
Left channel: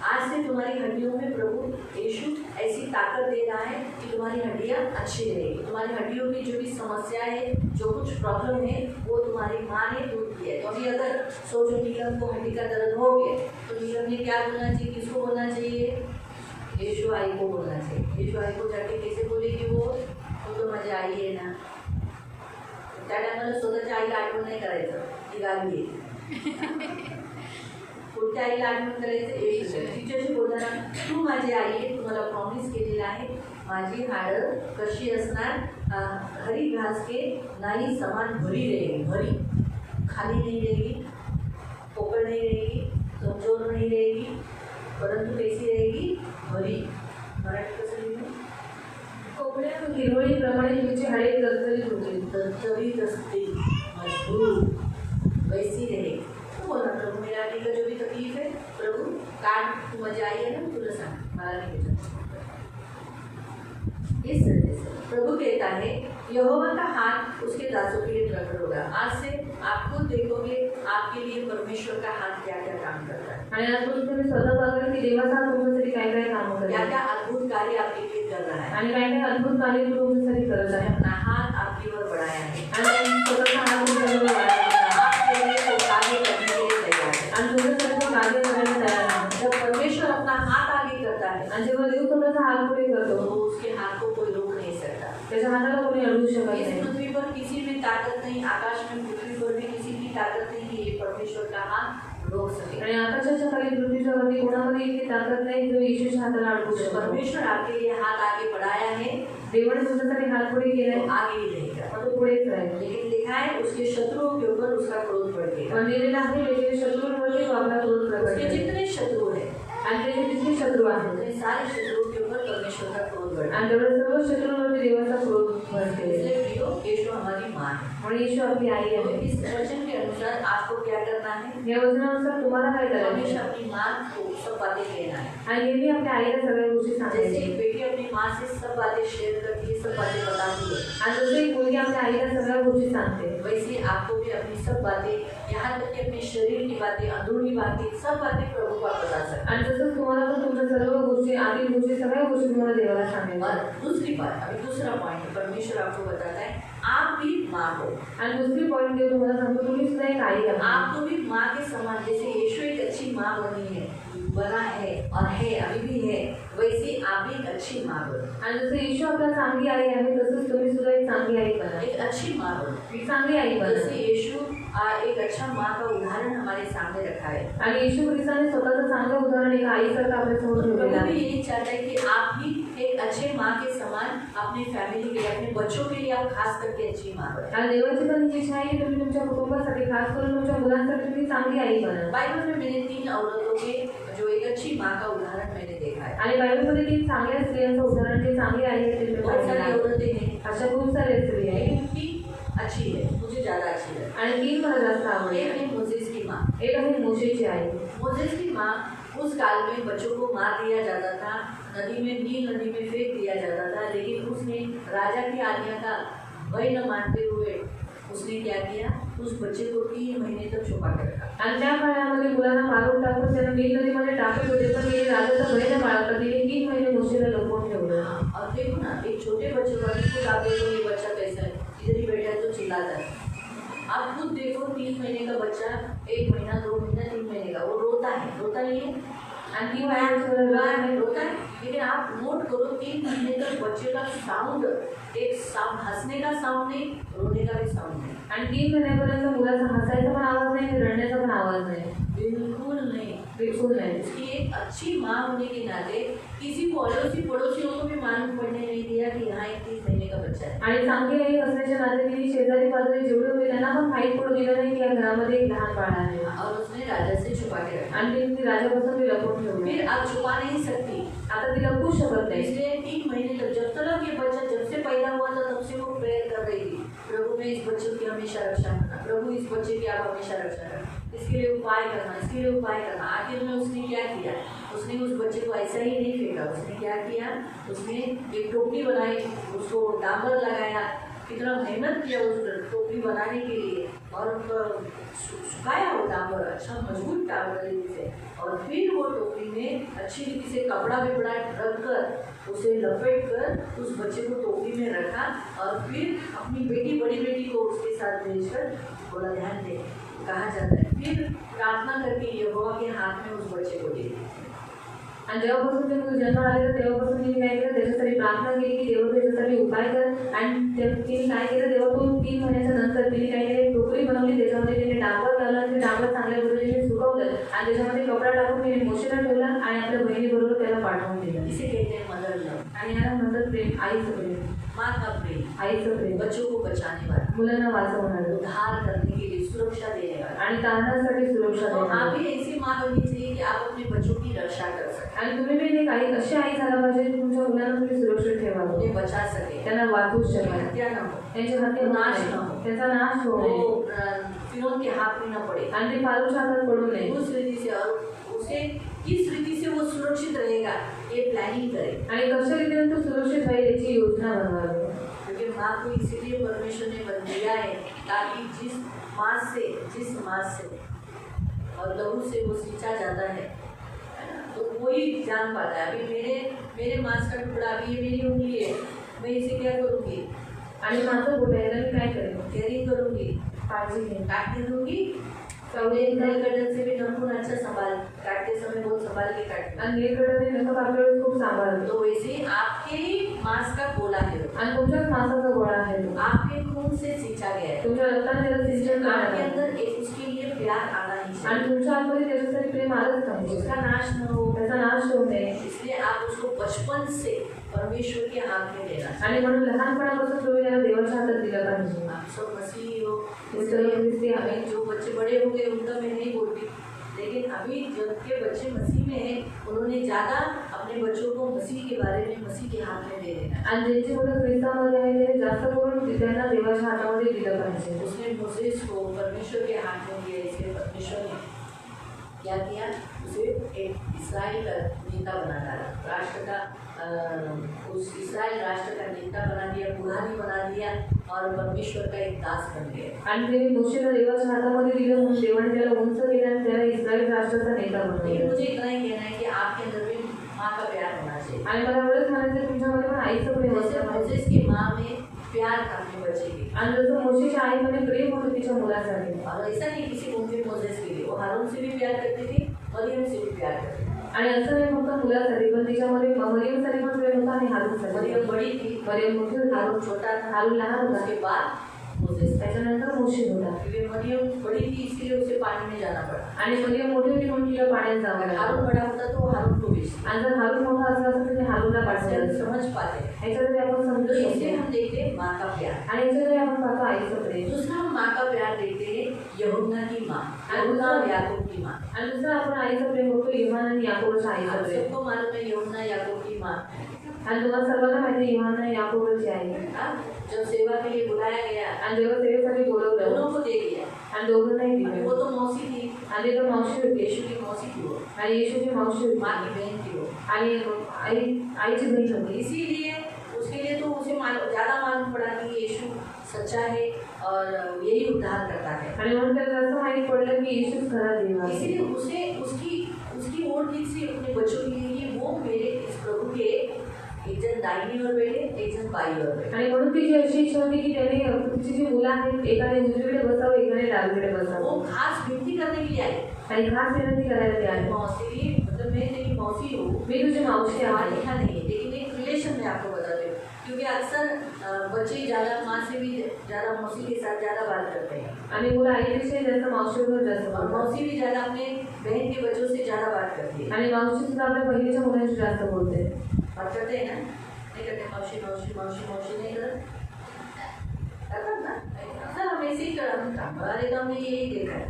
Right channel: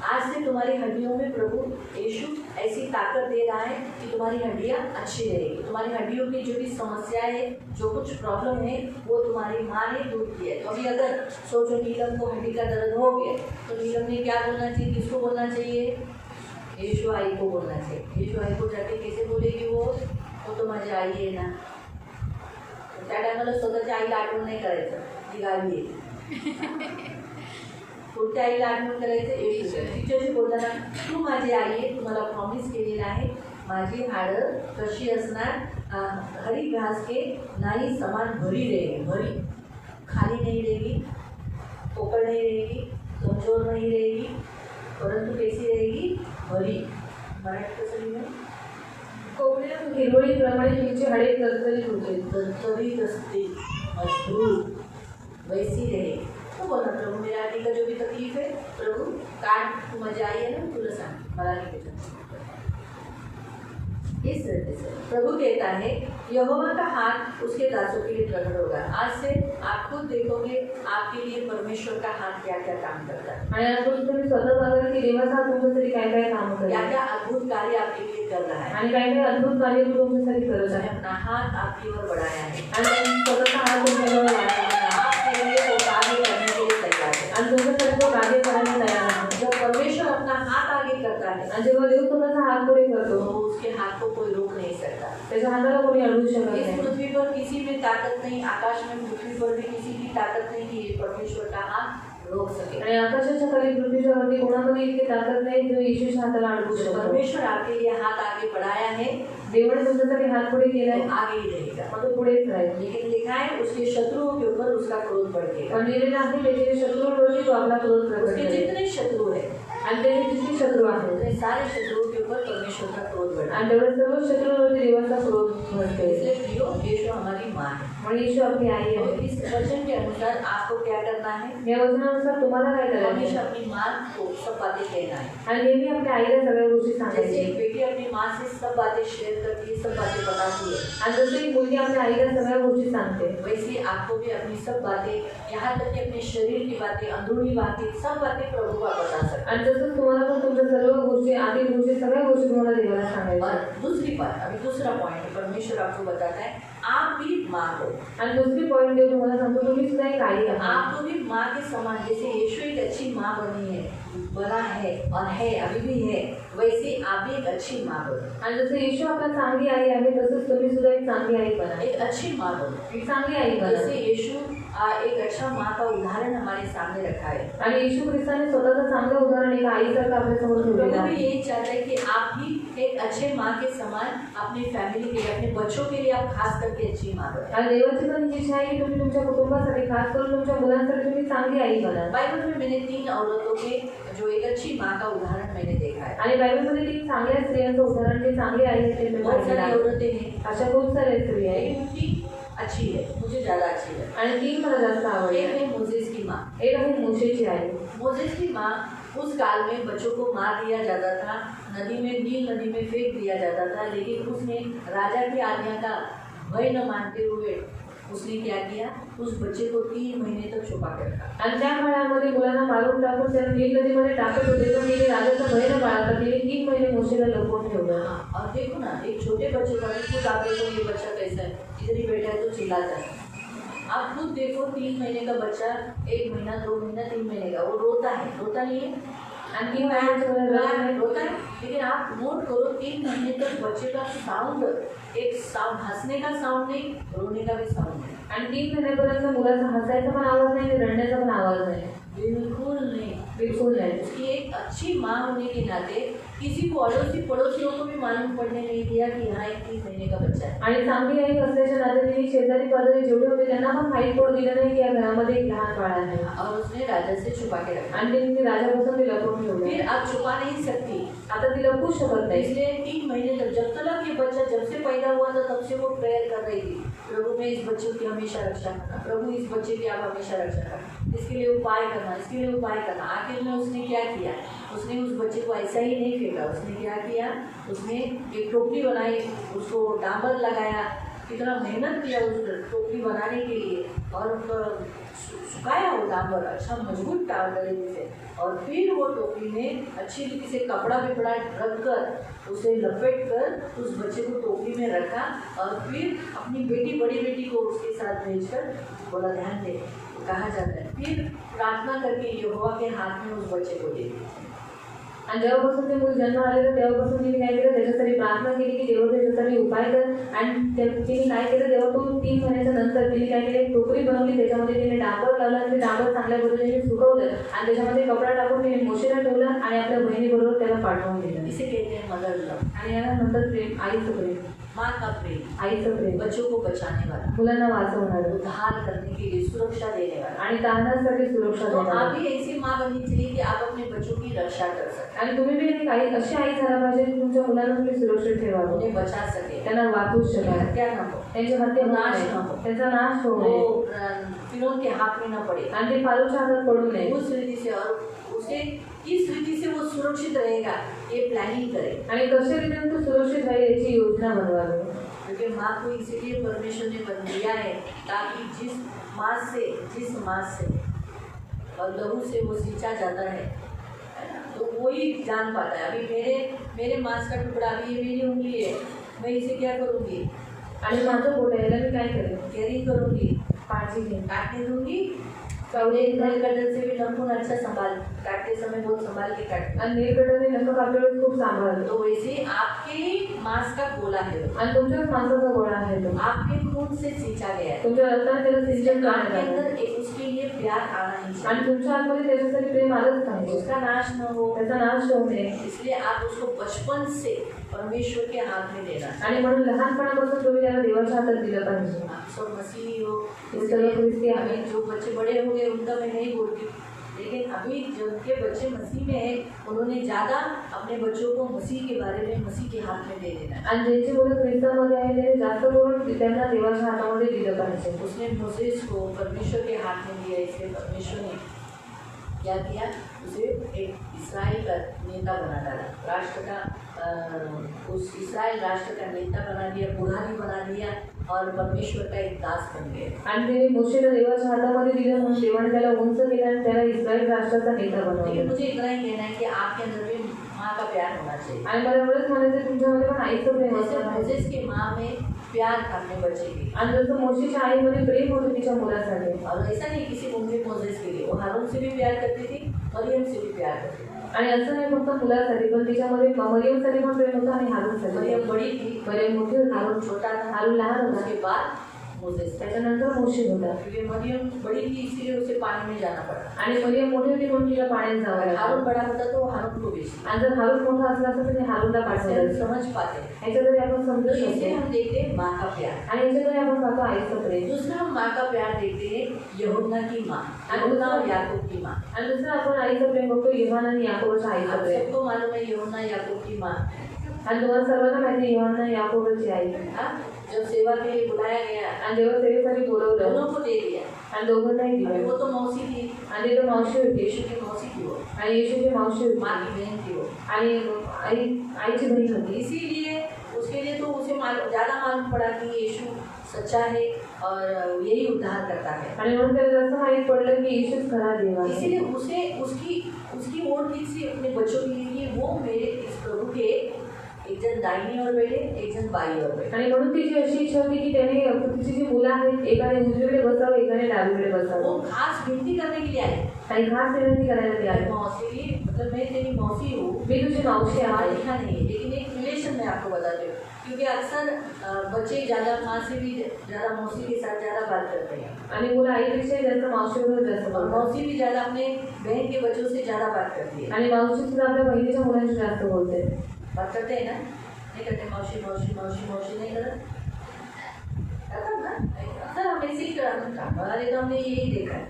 आज से तुम्हारी हड्डियों में प्रभु यीशु ऐसी ताकत दे रहा है कि तुम्हारी हड्डियाँ अच्छी रहेगी. तुम्हारी हड्डियों की जो भी समस्या है, जो कुछ प्रॉब्लम है, वो तुम्हारी माँ ने दूर की है. तो अभी अगर सोचो नीलम को हड्डी का दर्द हो गया, तो नीलम ने क्या बोलना चाहिए, किसको बोलना चाहिए, यीशु आई को बोलना चाहिए. यीशु आई को जाके कैसे बोलेगी, वो तो माझी आई आहे ना. त्या टायमाला स्वतःच्या आईला आठवण नाही करायचं, ती गावी आहे. कोणत्या आईला आठवण करायचं, येशू. तिच्याशी बोलताना तू माझी आई आहे, तू मला प्रॉमिस केलेला आहे, माझी हाडं कशी असणार, हरी घास के नाही समान भरी रहेगी. भरी खाली नहीं रहेगी, पोकळ नहीं रहेगी, कमजोर नहीं रहेगी, परंतु कैसी रहेगी, भरी. मराठी कसं लिहिलं, कोवळ्या हिरवळीप्रमाणे तुमची हाडे तरतरीत होती. तरतरीत असते, मजबूत, वैसी रहेगी. तो बोला प्रभु मेरा आने का जो भी तकलीफ है, प्रभु काट, तू माझी आई है ना, तुला सांग मला नहीं कुछ. इस तरह से प्रभु कहता है, यहोवा का हाथ उसके दासों के लिए प्रकट होगा. आज से आप खुद देखोगे आपके लिए परमेश्वर का हाथ क्या क्या काम करता है, आणि आपण तुम्ही स्वतः बघाल की देवाचा हात तुमच्यासाठी काय काय काम क्या करतो क्या अद्भुत कार्य आपके लिए कर रहा है. आणि काय काय अद्भुत कार्य तो तुमच्यासाठी करत उसने आहे. अपना हाथ आपकी ओर बढ़ाया है, आणि स्वतःचा हात तुमच्याजवळ वाढला आपके लिए वो कार्य करने के लिए तैयार है. आणि तुमच्यासाठी तो कार्य करायला तयार आहे. जब परमेश्वर अपना हाथ आगे करता है, आणि जेव्हा देव स्वतःचा हात पुढे तो करतो, उसके हाथ को कोई रोक नहीं सकता. त्याच्या हाताला कोणी अडवू शकत इस नाही. पृथ्वी पर किसी में ताकत नहीं, आकाश में पृथ्वी पर भी किसी की ताकत नहीं कि ये परमेश्वर का हाथ रोक सके. आणि आकाशाच्या खाली पृथ्वीच्या वरती कोणामध्ये इतकी ताकद नाही जो येशूच्या हाताला अडवू जो शकतो. परमेश्वर आपके लिए हाथ आगे बढ़ाया है, देवाने तुमच्यासाठी हात पुढे केलाय, वो आगे ही रहेगा. मग तो पुढेच राहील. लेकिन लिखा है उसके शत्रुओं के ऊपर उसका क्रोध बढ़ेगा. पण लिहिलेलं आहे त्याचे शत्रूंवरती तो आपला क्रोध प्रकट उसके करेल. जितने शत्रु है, आणि त्याचे जितके शत्रू आहेत उतने सारे शत्रुओं के ऊपर परमेश्वर का क्रोध बढ़ेगा. आणि तेवढ्या सर्व शत्रूंवरती देवाचा क्रोध भरते. इसलिए प्रियो, यीशु हमारी माँ है. म्हणून येशू आपली आई तो आहे. इस वचन के अनुसार आपको क्या करना है? या वचनानुसार तुम्हाला काय करायचं हमेशा आहे? अपनी माँ को सब बातें कहना है। आणि नेहमी आपल्या आईला सगळ्या गोष्टी जैसे सांगायच्या. एक बेटी अपनी माँ से सब बातें शेयर करती है, सब बातें बताती है, आणि जसं एक मुलगी आपल्या आईला सगळ्या गोष्टी सांगते, वैसे आपको भी अपनी सब बातें, यहाँ तक कि अपने शरीर की बातें, अंदरूनी बातें, सब बातें प्रभु को आप बता सकते आणि तसंच तुम्हाला पण तुमच्या सर्व गोष्टी आतील गोष्टी सगळ्या गोष्टी तुम्हाला देवाला हैं। सांगायच्या. और दूसरी बात, अभी दूसरा पॉइंट परमेश्वर आपको बताता है, आप भी माँ हो। आणि दुसरी पॉईंट देव तुम्हाला सांगतो, तुम्ही सुद्धा एक आई आहात. आपको भी माँ के समान, जैसे यीशु एक अच्छी माँ बनी है, बना है और है, अभी भी है, वैसे आप भी एक अच्छी माँ बनो। आणि जसं येशू आपला चांगली आई आहे तसंच तुम्ही सुद्धा एक चांगली आई बना. एक अच्छी माँ बनो। एक चांगली आई बना. जैसे यीशु एक अच्छा माँ का उदाहरण हमारे सामने रखा है। आणि येशू ख्रिस्ताने स्वतःचं चांगलं उदाहरण एका आईसारखं आपल्या समोर ठेवलेलं प्रभु भी आहे. यही चाहता है कि आप भी एक अच्छे माँ के समान अपनी फैमिली के लिए, अपने बच्चों के लिए आप खास करके अच्छी माँ बनो। आणि देवाची पण इच्छा आहे की तुम्ही तुमच्या कुटुंबासाठी खास करून तुमच्या मुलांसाठी तुम्ही चांगली आई बना. बाइबल में मैंने 3 औरतों के जो एक अच्छी माँ का उदाहरण मैंने देखा है। आणि बायबलमध्ये 3 चांगल्या स्त्रियांचं उदाहरण जे चांगली आई आहे ते मी बहुत पाहिलेलं सारी आहे. औरतें हैं, अशा खूप साऱ्या स्त्री आहेत लेकिन उनकी अच्छी है, मुझे ज़्यादा अच्छी है। आणि 3 मला जास्त आवडली. एक है मोसेस की माँ। एक आहे मोशेची आई. मोसेस की माँ, उस काल में बच्चों को मार दिया जाता था, नदी में, नील नदी में फेंक दिया जाता था, लेकिन उसने राजा की आज्ञा का भय न मानते हुए उसने क्या किया, उस बच्चे को 3 महीने तक छुपा के रखा। आणि त्या काळामध्ये मुलांना मारून टाकून त्यांना नील नदीमध्ये टाकत होते, पण तिने राजाचं भय न बाळगता तिने 3 महिने मोशेला लपवून ठेवलं. अब देखो ना, एक छोटे बच्चे का भी खुद आप देखो, ये बच्चा कैसा है, इधर ही बैठा है तो चिल्लाता है। आप खुद देखो, 3 महीने का बच्चा, 1 महीना, 2 महीना, 3 महीने का, वो रोता नहीं है? आणि 3 महिन्याचं रोता है, लेकिन आप नोट करो 3 महीने तक बच्चे का साउंड, एक साउंड, हंसने का साउंड नहीं, रोने का भी साउंड नहीं, आणि 3 महिन्यापर्यंत मुलाचा हसायचा पण आवाज नाही आणि रडण्याचा पण आवाज नाही. बिल्कुल नहीं। बिलकुल नाही. उसकी एक अच्छी माँ होने के नाते किसी को, अड़ोसी पड़ोसियों को भी मालूम पड़ने नहीं दिया कि यहाँ एक 3 महीने का बच्चा है। आणि चांगली आई असल्याच्या नात्याने तिने शेजारी पाजारी जेवढे होते त्यांना पण माहीत पडू दिलं नाही की या घरामध्ये एक लहान बाळ आहे. और उसने राजा से छुपा के रखा। आणि तिने राजापासून ते लपवून ठेवलं. फिर आप छुपा नहीं सकती, आता ती लपवू शकत नाही. इसलिए 3 महीने तक, जब तक ये बच्चा जब से पैदा हुआ था तब से वो प्रेयर कर रही थी, प्रभु में इस बच्चे की हमेशा रक्षा करना, प्रभु इस बच्चे की आप हमेशा रक्षा करना, इसके लिए उपाय करना, इसके लिए उपाय करना। आखिर में उसने क्या किया, उसने उस बच्चे को ऐसा ही नहीं फेंका, उसने क्या किया, उसने एक टोकरी बनाई, उसको डांबर लगाया, कितना मेहनत किया उस टोकरी बनाने के लिए, और सुखाया वो डांबर, अच्छा मजबूत डांबर से, और फिर वो टोकरी में अच्छी रीति से कपड़ा विपड़ा रख कर उसे लपेट कर उस बच्चे को टोकरी में रखा, और फिर अपनी बेटी, बड़ी बेटी को उसके साथ भेजकर बोला, ध्यान दे, कहा जाता है, फिर प्रार्थना करके यहोवा के हाथ में उस बच्चे को दे दी। आणि जेव्हापासून ते मूल जन्माला आलेलं तेव्हापासून तिने काय केलं, त्याच्यासाठी प्रार्थना केली की देवा त्याच्यासाठी उपाय कर. आणि तिने काय केलं, तेव्हा तो 3 महिन्याच्या नंतर तिने काय केलं, एक टोकरी बनवली, त्याच्यामध्ये तिने डांबर लावलं आणि ते डांबर चांगल्या पद्धतीने सुकवलं आणि त्याच्यामध्ये कपडा टाकून तिने मोशेला ठेवला आणि आपल्या बहिणीबरोबर त्याला पाठवून दिलं. इसे कहते हैं मदर लव, आणि याला नंतर प्रेम, आईचं प्रेम, माँ का प्रेम, आईचं प्रेम, बच्चों को बचाने वाला, मुलांना वाचवणारं उद्धार करने के लिए सुरक्षा देने वाला। आणि तारणासाठी सुरक्षा तो आप देणारं. भी ऐसी माँ बननी चाहिए कि आप अपने बच्चों की रक्षा कर सकें, आणि तुम्ही बी एक आई अशी आई झाला पाहिजे की तुमच्या मुलांना तुम्ही सुरक्षित ठेवावं, उन्हें बचा सके, त्यांना वाचवू शकाल, हत्या न हो, त्यांचे हत्या होऊ नाश नये, न हो, त्यांचा नाश होऊ वो नये फिरौन के हाथ में न पड़े, आणि ते फालूच्या हातात पडू नये. उस रीति से, और उसे किस रीति से वो सुरक्षित रहेगा ये प्लानिंग करें, आणि कशा रीतीने तो सुरक्षित राहील याची योजना बनवावी. क्योंकि माँ को इसीलिए परमेश्वर ने बन दिया है ताकि जिस माँ से और लहू से वो सींचा जाता है ना, तो वही जान पाता है। अभी मेरे मांस का टुकड़ा, अभी ये मेरी उंगली है, मैं इसे क्या करूँगी, आणि माझं बोट आहे याला मी काय करेन, केयरिंग करूँगी, काळजी घेईन. काटने दूंगी, कभी नल कटर से भी नखून अच्छा संभाल, काटते समय बहुत संभाल के काटते, आणि नीलकंठाने नख कापल्या वेळेस खूप सांभाळतो. तो वैसे आपके मांस का गोला है, आणि तुमच्याच माणसाचा गोळा आहे तो, आपके खून से सींचा गया है, तुमच्या रक्ताने त्याला सिंचन करण्यात आपके आलं. अंदर एक उसके लिए प्यार आना ही आणि चाहिए, तुमच्या आतमध्ये त्याच्यासाठी प्रेम आलंच पाहिजे. उसका नाश न हो, त्याचा नाश होऊ नये. इसलिए आप उसको बचपन से परमेश्वर के हाथ में देना चाहिए। आणि म्हणून लहानपणापासून तुम्ही त्याला देवाच्या हातात दिलं पाहिजे. आप सब मसीही हो, ये सब ख्रिस्ती हैं। अभी जो बच्चे बड़े हो गए उनका मैं नहीं बोलती, लेकिन अभी जबकि बच्चे मसीह में हैं, उन्होंने ज़्यादा अपने बच्चों को मसीह के बारे में मसीह के हाथ में दे देना है। आणि ज्यांची मुलं ख्रिस्तामध्ये आहे ते जास्त करून त्यांना देवाच्या हातामध्ये दिलं पाहिजे. उसने मोसेस को परमेश्वर के हाथ में दिया, इसलिए परमेश्वर ने क्या किया, उसे एक इस्राएल का नेता बना डाला, राष्ट्र का उस इस्राएल राष्ट्र का नेता बना दिया, पुरानी बना दिया और परमेश्वर का एक दास बन गए. आणि ते मोशेला देवाच्या हातामध्ये दिलं म्हणून देवाने त्याला उंच केलं आणि त्याला इस्रायल राष्ट्राचा नेता लेकिन बनवलं. मुझे इतना ही कहना है कि आपके अंदर भी माँ का प्यार होना चाहिए. आणि मला एवढंच म्हणायचं तुमच्यामध्ये पण आईचं प्रेम जैसे असलं पाहिजे. मोसेस की माँ में प्यार था अपने बच्चे के, आणि जसं मोशेच्या आईमध्ये प्रेम होतं तिच्या मुलासाठी. और ऐसा नहीं किसी मुझे मोसेस के लिए, वो हारून से भी प्यार करती थी, मरियम से भी प्यार करती थी. आणि असं नाही फक्त मुलासाठी पण तिच्यामध्ये मरियमसाठी पण प्रेम होतं आणि हारूनसाठी. मरियम बड़ी थी, मरियम मोठी होती, हारून छोटा था, हारून लहान होता, उसके बाद मोसेस था. त्याच्यानंतर मोशे होता. क्योंकि मरियम बड़ी थी इसलिए उसे पानी में जाना पड़ा. आणि मरियम मोठी होती म्हणून तिला पाण्यात जावं अगर लागलं. हारून बड़ा होता तो वो हारून को भेजती. आणि जर हारून मोठा असला तर तिने हारूनला ऐसे हम पाठवलं. समझ पाते हैं. ह्याच्यामध्ये आपण तो समजू इससे शकतो. हम देखते हैं माँ का प्यार. आणि ह्याच्यामध्ये आपण पाहतो आईचं प्रेम. दूसरा हम माँ का प्यार देखते हैं यहूदा की माँ, यहूदा और याकूब की माँ. आणि दुसरं आपण आईचं प्रेम बघतो योहान आणि याकोबच्या आईचं आप प्रेम. सबको मालूम है यहूदा याकूब की माँ. आणि तुम्हाला सर्वांना माहिती आहे योहान आणि याकोबची आई. हाँ, जब सेवा के लिए बुलाया गया आणि देवा सेवेसाठी बोलवलं दोनों को दे दिया. आणि दोघांनाही अभी दिलं. वो तो मौसी थी, आणि तो मावशी होती यीशु की मौसी थी वो, आणि येशूची मावशी होती माँ की बहन थी वो. आणि आईची बहीण होती. इसीलिए उसके लिए तो उसे ज़्यादा मालूम पड़ा कि यीशु सच्चा है और यही उद्धार करता है. आणि म्हणून त्याला असं माहीत पडलं की येशूच खरा देव आहे. इसीलिए उसे उसकी उसकी ओर थी से अपने बच्चों के लिए कि वो मेरे इस प्रभु के एक जन दाहिनी ओर बैठे, एक जन बाई ओर बैठे. आणि म्हणून तिची अशी इच्छा होती की त्याने तिची जी मुलं आहेत एकाने उजवीकडे बसावं एकाने डावीकडे वो बसावं. खास विनती करने के लिए आए. काही खास विनंती करायला ते आले. मौसी, मतलब मैं तेरी मौसी हूँ, मी तुझी मावशी पढ़ा आहे. लिखा नहीं है, लेकिन एक रिलेशन में आपको बताते हूँ. क्योंकि अक्सर बच्चे ज़्यादा माँ से भी ज़्यादा मौसी के साथ ज़्यादा बात करते हैं, आणि मुलं आईपेक्षा जास्त मावशीबरोबर जास्त और बोलतात. मौसी भी ज़्यादा अपने बहन के बच्चों से ज़्यादा बात करती है. आणि मावशी सुद्धा आपल्या बहिणीच्या मुलांशी जास्त बोलते. बात करते हैं ना, नहीं करते मौसी मौसी मौसी मौसी नहीं करते ना. अक्सर हम ऐसे ही करते, हमारे तो हमने यही देखा है.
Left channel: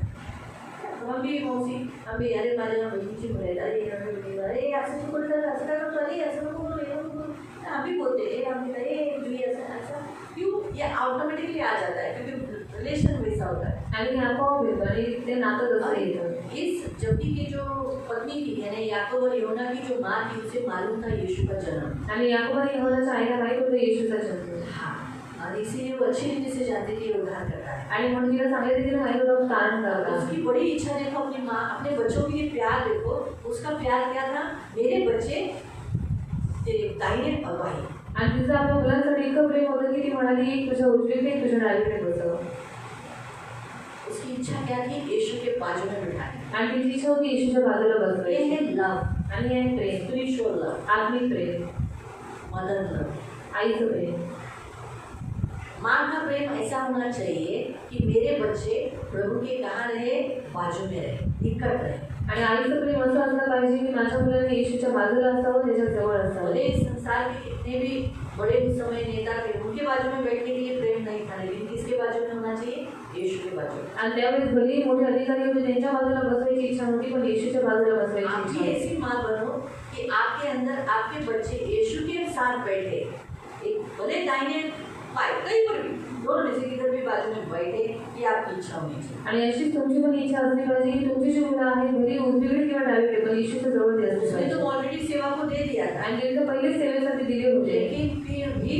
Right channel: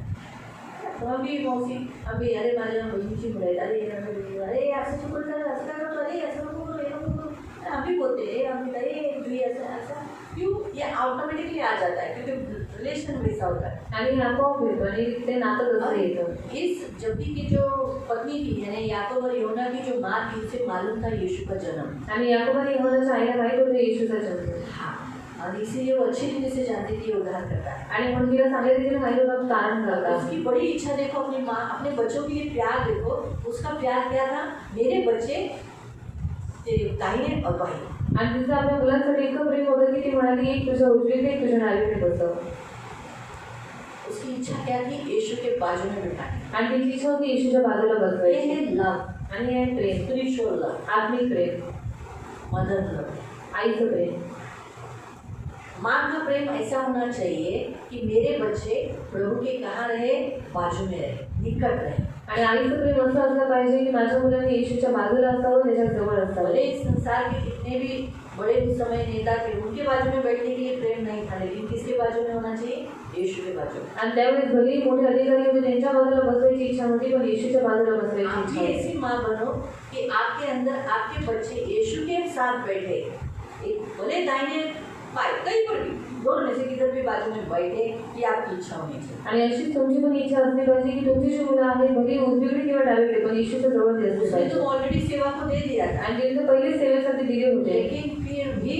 तो हम भी मौसी, हम भी अरे माझ्या बहिणीची मुलं आहेत, अरे असं तू बोलतात, असं काय करतो, अरे असं नको बोलू, हे नको बोलू. हम भी बोलते हैं, हम भी अरे तुझी ऐसा ऐसा क्यों, ये ऑटोमेटिकली आ जाता है क्योंकि रिलेशन वैसा होता है. आणि हे आपोआप येतं आणि ते नातं तसं येतं. इस जबकि की जो पत्नी थी यानी याकूब और यूहन्ना की जो माँ थी उसे मालूम था यीशु का जन्म. आणि याकोब आणि यूहन्नाच्या आईला माहित होतं येशूचा जन्म. हाँ, और इसीलिए वो अच्छी रीति से जानती थी ये उद्धार करता है. आणि म्हणून तिला चांगल्या रीतीने माहित होतं तारण करता. उसकी बड़ी इच्छा देखो, अपनी माँ अपने बच्चों के लिए प्यार देखो. उसका प्यार क्या था, मेरे बच्चे तेरे दाहिने और बाएं. आणि तिचं आपल्या मुलांसाठी इतकं प्रेम होतं की ती म्हणाली एक तुझ्या उजवीकडे एक तुझ्या डावीकडे बसव. उसकी इच्छा क्या थी, यीशु के बाजू में बिठाने. आणि तिची इच्छा होती येशूच्या बाजूला ये बसवायची. है लव, आणि हे आहे प्रेम, स्पिरिचुअल लव, आत्मिक प्रेम, मदर लव. आईचं प्रेम. माँ का प्रेम ऐसा होना चाहिए कि मेरे बच्चे प्रभु के कहाँ रहे, बाजू में रहे, निकट रहे. आणि आईचं प्रेम असं असलं पाहिजे की माझ्या मुलांनी येशूच्या बाजूला असावं, त्याच्या जवळ असावं. भले इस संसार के कितने भी बड़े उस समय नेता थे, उनके बाजू में बैठने के लिए प्रेम नहीं था, लेकिन किसके बाजू में होना चाहिए, यीशु के बाजू में. आणि त्यावेळेस भलेही मोठे अधिकारी होते त्यांच्या बाजूला बसवायची इच्छा होती पण येशूच्या बाजूला बसवायची आप इच्छा भी होती. ऐसी माँ बनो कि आपके अंदर आपके बच्चे यीशु के साथ बैठे, एक भले दाहिने बाएं कहीं पर भी, दोनों में से किधर भी बाजू में बैठे, ये आपकी इच्छा होनी चाहिए. आणि अशीच तुमची पण इच्छा असली पाहिजे की तुमची जी मुलं आहेत भली उजवीकडे किंवा डावीकडे पण येशूच्या जवळ ते असले उसने तो पाहिजे. ऑलरेडी सेवा को दे दिया था, आणि त्यांनी पहिलेच सेवेसाठी दिले होते लेकिन फिर भी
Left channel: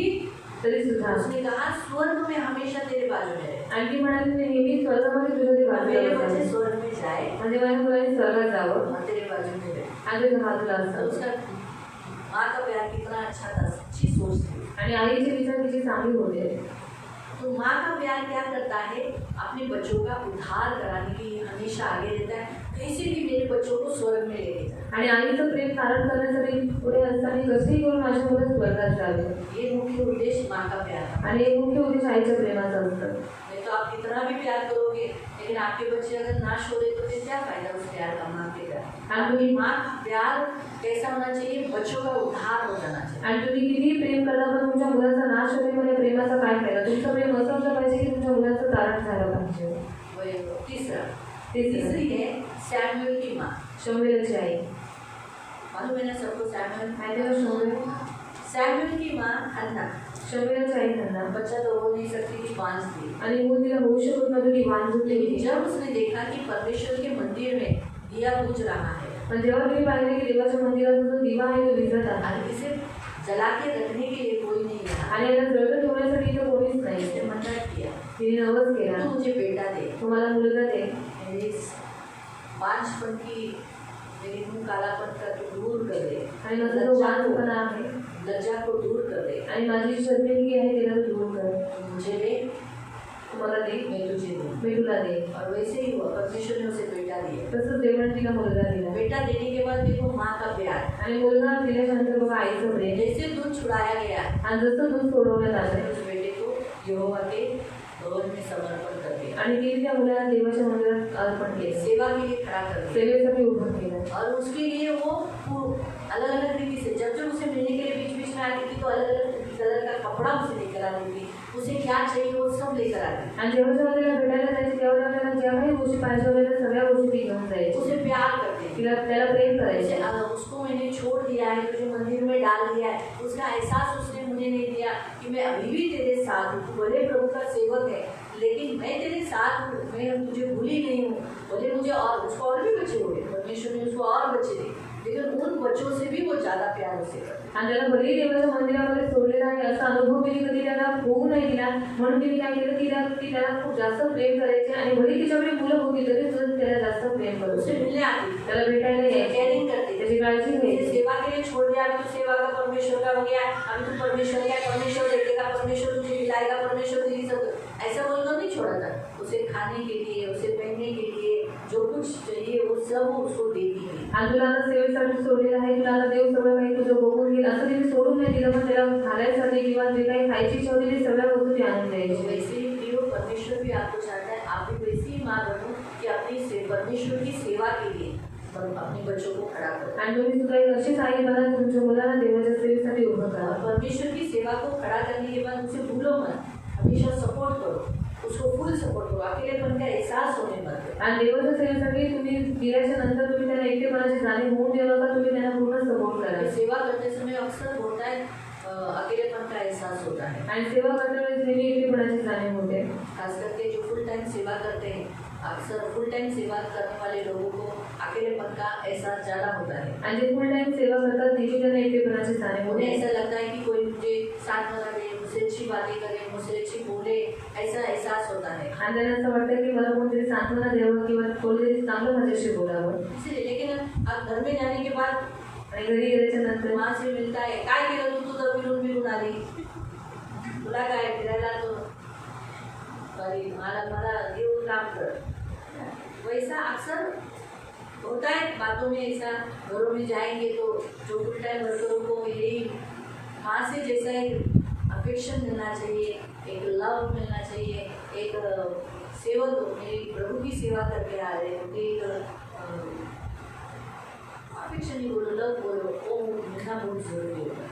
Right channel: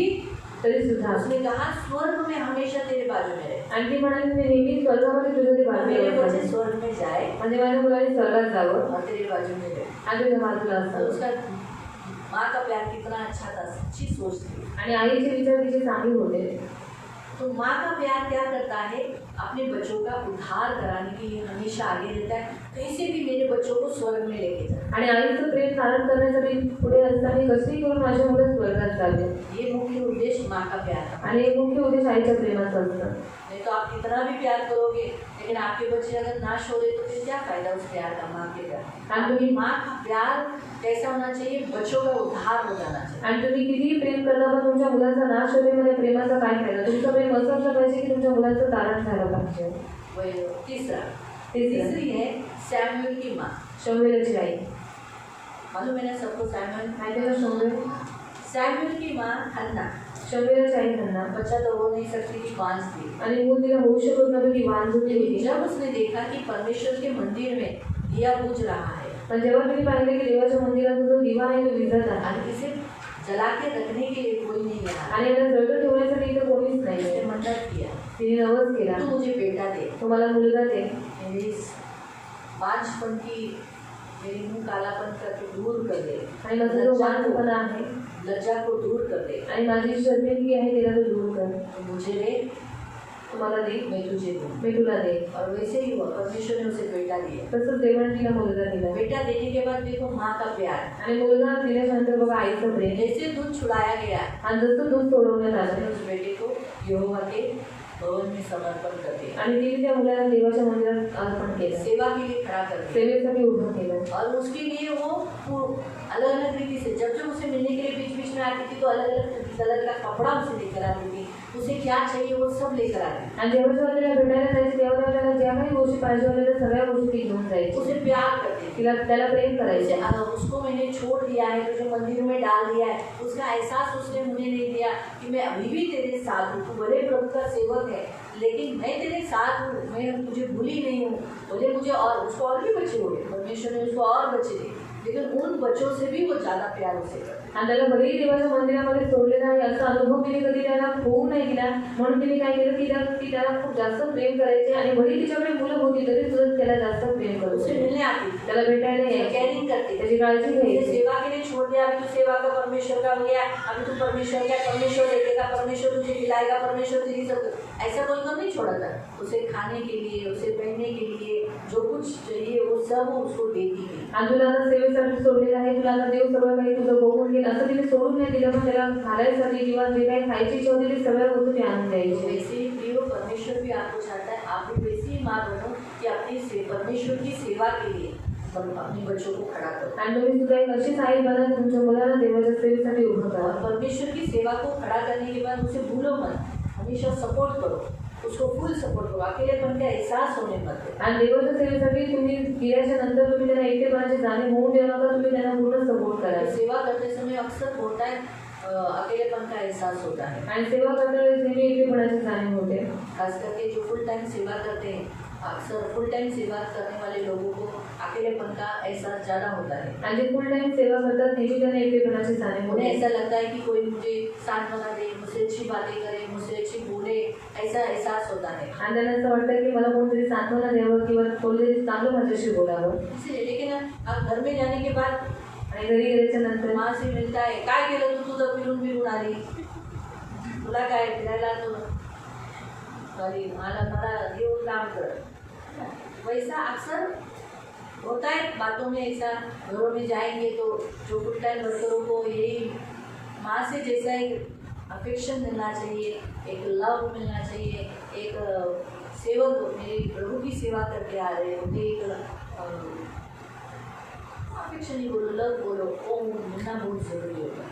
तरी सुद्धा उसने कहा स्वर्ग में हमेशा तेरे बाजू में रहे. आणि ती म्हणाली मी नेहमी स्वर्गामध्ये तुझ्या ते मेरे बाजूला बच्चे असावे. स्वर्ग में जाए म्हणजे माझ्या मुलांनी स्वर्गात जावं और तेरे बाजू में रहे. आणि त्याच्या बाजूला तो असावं. उसका माँ का प्यार कितना अच्छा था, अच्छी सोच थी. आणि आईचे विचार तिचे चांगले होते. तो माँ का प्यार क्या करता है, अपने बच्चों का उद्धार कराने के लिए हमेशा आगे रहता है, कैसे भी मेरे बच्चों को स्वर्ग में लेके जाए. आणि आईचं प्रेम धारण करण्यासाठी पुढे असताना कशी करून माझ्या मुलं स्वर्गात जावे. ये मुख्य उद्देश्य माँ का प्यार है. आणि एक मुख्य उद्देश आईच्या प्रेमाचा असतं. नहीं तो आप कितना भी प्यार करोगे, लेकिन आपके बच्चे अगर नाश हो रहे तो फिर क्या फायदा उस प्यार का, माँ के प्यार. आणि तुम्ही माँ का प्यार कैसा होना चाहिए, बच्चों का उद्धार हो जाना चाहिए. आणि तुम्ही कितीही प्रेम करता पण तुमच्या मुलाचा नाश होणे म्हणजे प्रेमाचा काय फायदा. तुमचं प्रेम असं असलं पाहिजे की तुमच्या मुलाचं तारण झालं पाहिजे. वही तीसरा, तीसरी है सैमुअल की माँ। शमूएलची आई मालूम है ना सबको सैमुअल? माहिती आहे का शमूएल? सैमुअल की माँ हन्ना। शमूएलची आई हन्ना बच्चा तो हो नहीं सकती थी, बांझ थी। आणि मूल तिला होऊ शकत नव्हतं, ती वांझ होती. लेकिन जब उसने देखा कि परमेश्वर के मंदिर में दिया बुझ रहा है पण जेव्हा तिने पाहिले की देवाच्या मंदिरात जो दिवा आहे तो विझत आहे और इसे जला के रखने के लिए कोई नहीं है, आणि याला जळत ठेवण्यासाठी इथं कोणीच उसने नाही. मन्नत किया, तिने नवस केला, तू मुझे बेटा दे, तो मला मुलगा दे, मेरी बांझपन की, मेरी मुंह कालापन का तो दूर कर दे, आणि माझा जो वांझपणा आहे लज्जा को दूर कर दे, आणि माझी जी शर्मिंदगी आहे तिला तू दूर कर. तू मुझे दे, तुम्हाला दे, मैं तुझे दूँ. मी तुला दे. और वैसे ही हुआ, परमेश्वर ने उसे बेटा दिया. तसंच देवाने तिला मुलगा दिला. बेटा देने के बाद देखो माँ का प्यार, आणि मुलगा दिल्यानंतर बघा आईचं प्रेम, जैसे दूध छुड़ाया गया आणि जसं दूध सोडवण्यात आलं उस बेटे को यहोवा के भवन में समर्पण कर दिया, आणि तिने त्या मुलाला देवाच्या मंदिरात अर्पण केलं, सेवा के लिए खड़ा कर दिया. सेवेसाठी उभं केलं. और उसके लिए वो अलग अलग रीति से जब जब उसे मिलने के लिए बीच बीच में आती थी तो अलग अलग कलर का कपड़ा उसे लेकर आती थी, उसे क्या चाहिए वो सब लेकर आती आणि जेव्हा जेव्हा तिला भेटायला जायची तेव्हा त्याला ज्या काही गोष्टी पाहिजे होत्या त्या सगळ्या गोष्टी ती घेऊन थी, जायची. उसे प्यार करती थी. तिला त्याला प्रेम करायचे. जैसे उसको मैंने छोड़ दिया है, तुझे मंदिर में डाल दिया है, उसका एहसास उसने मुझे नहीं दिया कि मैं अभी भी तेरे साथ हूँ, तू भले प्रभु का सेवक है लेकिन मैं तेरे साथ हूँ, मैं तुझे भूली नहीं हूँ. बोले मुझे और उसको और भी बच्चे हुए, परमेश्वर ने उसको और बच्चे दिए, लेकिन उन बच्चों से भी वो ज़्यादा प्यार उसे करते. आणि त्याला भलेही देवाच्या मंदिरामध्ये सोडलेला आहे असा अनुभव तिने कधी त्याला होऊ नाही दिला, म्हणून तिने काय केलं की त्याला खूप जास्त प्रेम करायचे आणि भले तिच्याकडे मुलं होती तरी सुद्धा त्याला जास्त प्रेम करत उसे होते. मिलने आती, त्याला भेटायला यायचे, केयरिंग करती, त्याची काळजी तुझे घ्यायची. सेवा के लिए छोड़ दिया, अभी तू सेवा का परमेश्वर का हो गया, अभी तू परमेश्वर का, परमेश्वर देखेगा, परमेश्वर तुझे खिलाएगा, परमेश्वर तेरी सब, ऐसा बोलकर नहीं छोड़ा था. उसे खाने के लिए, उसे पहनने के लिए जो कुछ चाहिए वो सब उसको देती थी. आणि तुला आता सेवेसाठी सोडलेलं आहे, तुला आता देव सगळं काही तुझं बघून घेईल असं तिने सोडून नाही दिलं, पण त्याला घालायसाठी किंवा जे काही खायची इच्छा होती ती सगळ्या वस्तू ती आणून तो द्यायची. वैसे ही प्रियो परमेश्वर भी आपको चाहता है, आप भी वैसी ही माँ बनो कि अपनी परमेश्वर की सेवा के लिए अपने बच्चों को खड़ा करो. आणि तुम्ही सुद्धा एक अशीच आई बना की तुमच्या मुलाला देवाच्या सेवेसाठी उभं करा. और परमेश्वर की सेवा को खड़ा करने के बाद उसे भूलो मत, हमेशा सपोर्ट करो, उसको फुल सपोर्ट करो, अकेलेपन का एहसास होने मत दो. आणि देवाच्या सेवेसाठी तुम्ही गेल्याच्या नंतर तुम्ही त्यांना एकटेपणाची जाणीव होऊन देऊ नका, तुम्ही त्यांना पूर्ण सपोर्ट करा. सेवा करते समय अक्सर होता है अकेलेपन का एहसास होता है, आणि सेवा करते वेळेस नेहमी एकटेपणाची जाणीव होते. खास करके जो फुल टाइम सेवा करते हैं, अक्सर फुल टाइम सेवा करने वाले लोगों को अकेलेपन का एहसास ज़्यादा होता है. आणि जे फुल टाइम सेवा करतात नेहमी त्यांना एकटेपणाची जाणीव उन्हें होते. ऐसा लगता है कि कोई मुझे साथ वाला दे, मुझसे अच्छी बातें करे, मुझसे अच्छी बोले, ऐसा एहसास होता है. आणि त्यांना असं वाटतं की मला कोणतरी सांत्वना द्यावं किंवा कोणतरी चांगलं माझ्याशी बोलावं. इसलिए लेकिन आप घर में जाने के बाद आणि घरी गेल्याच्या नंतर माँ से मिलता है, काय केलं तू, तुझं फिरून फिरून आली, तुला काय फिरायला तू, अरे मला येऊन काम कर. वैसा अक्सर होता है बातों में, ऐसा घरों में जाएंगे तो जो फुल टाइम वर्करों को यही माँ से जैसा एक अफेक्शन मिलना चाहिए, एक लव मिलना चाहिए, एक सेवक मेरी प्रभु की सेवा करके आ रहे हैं, मुझे एक अफेक्शन ही बोलो, लव बोलो, वो मिलना बहुत ज़रूरी होता है.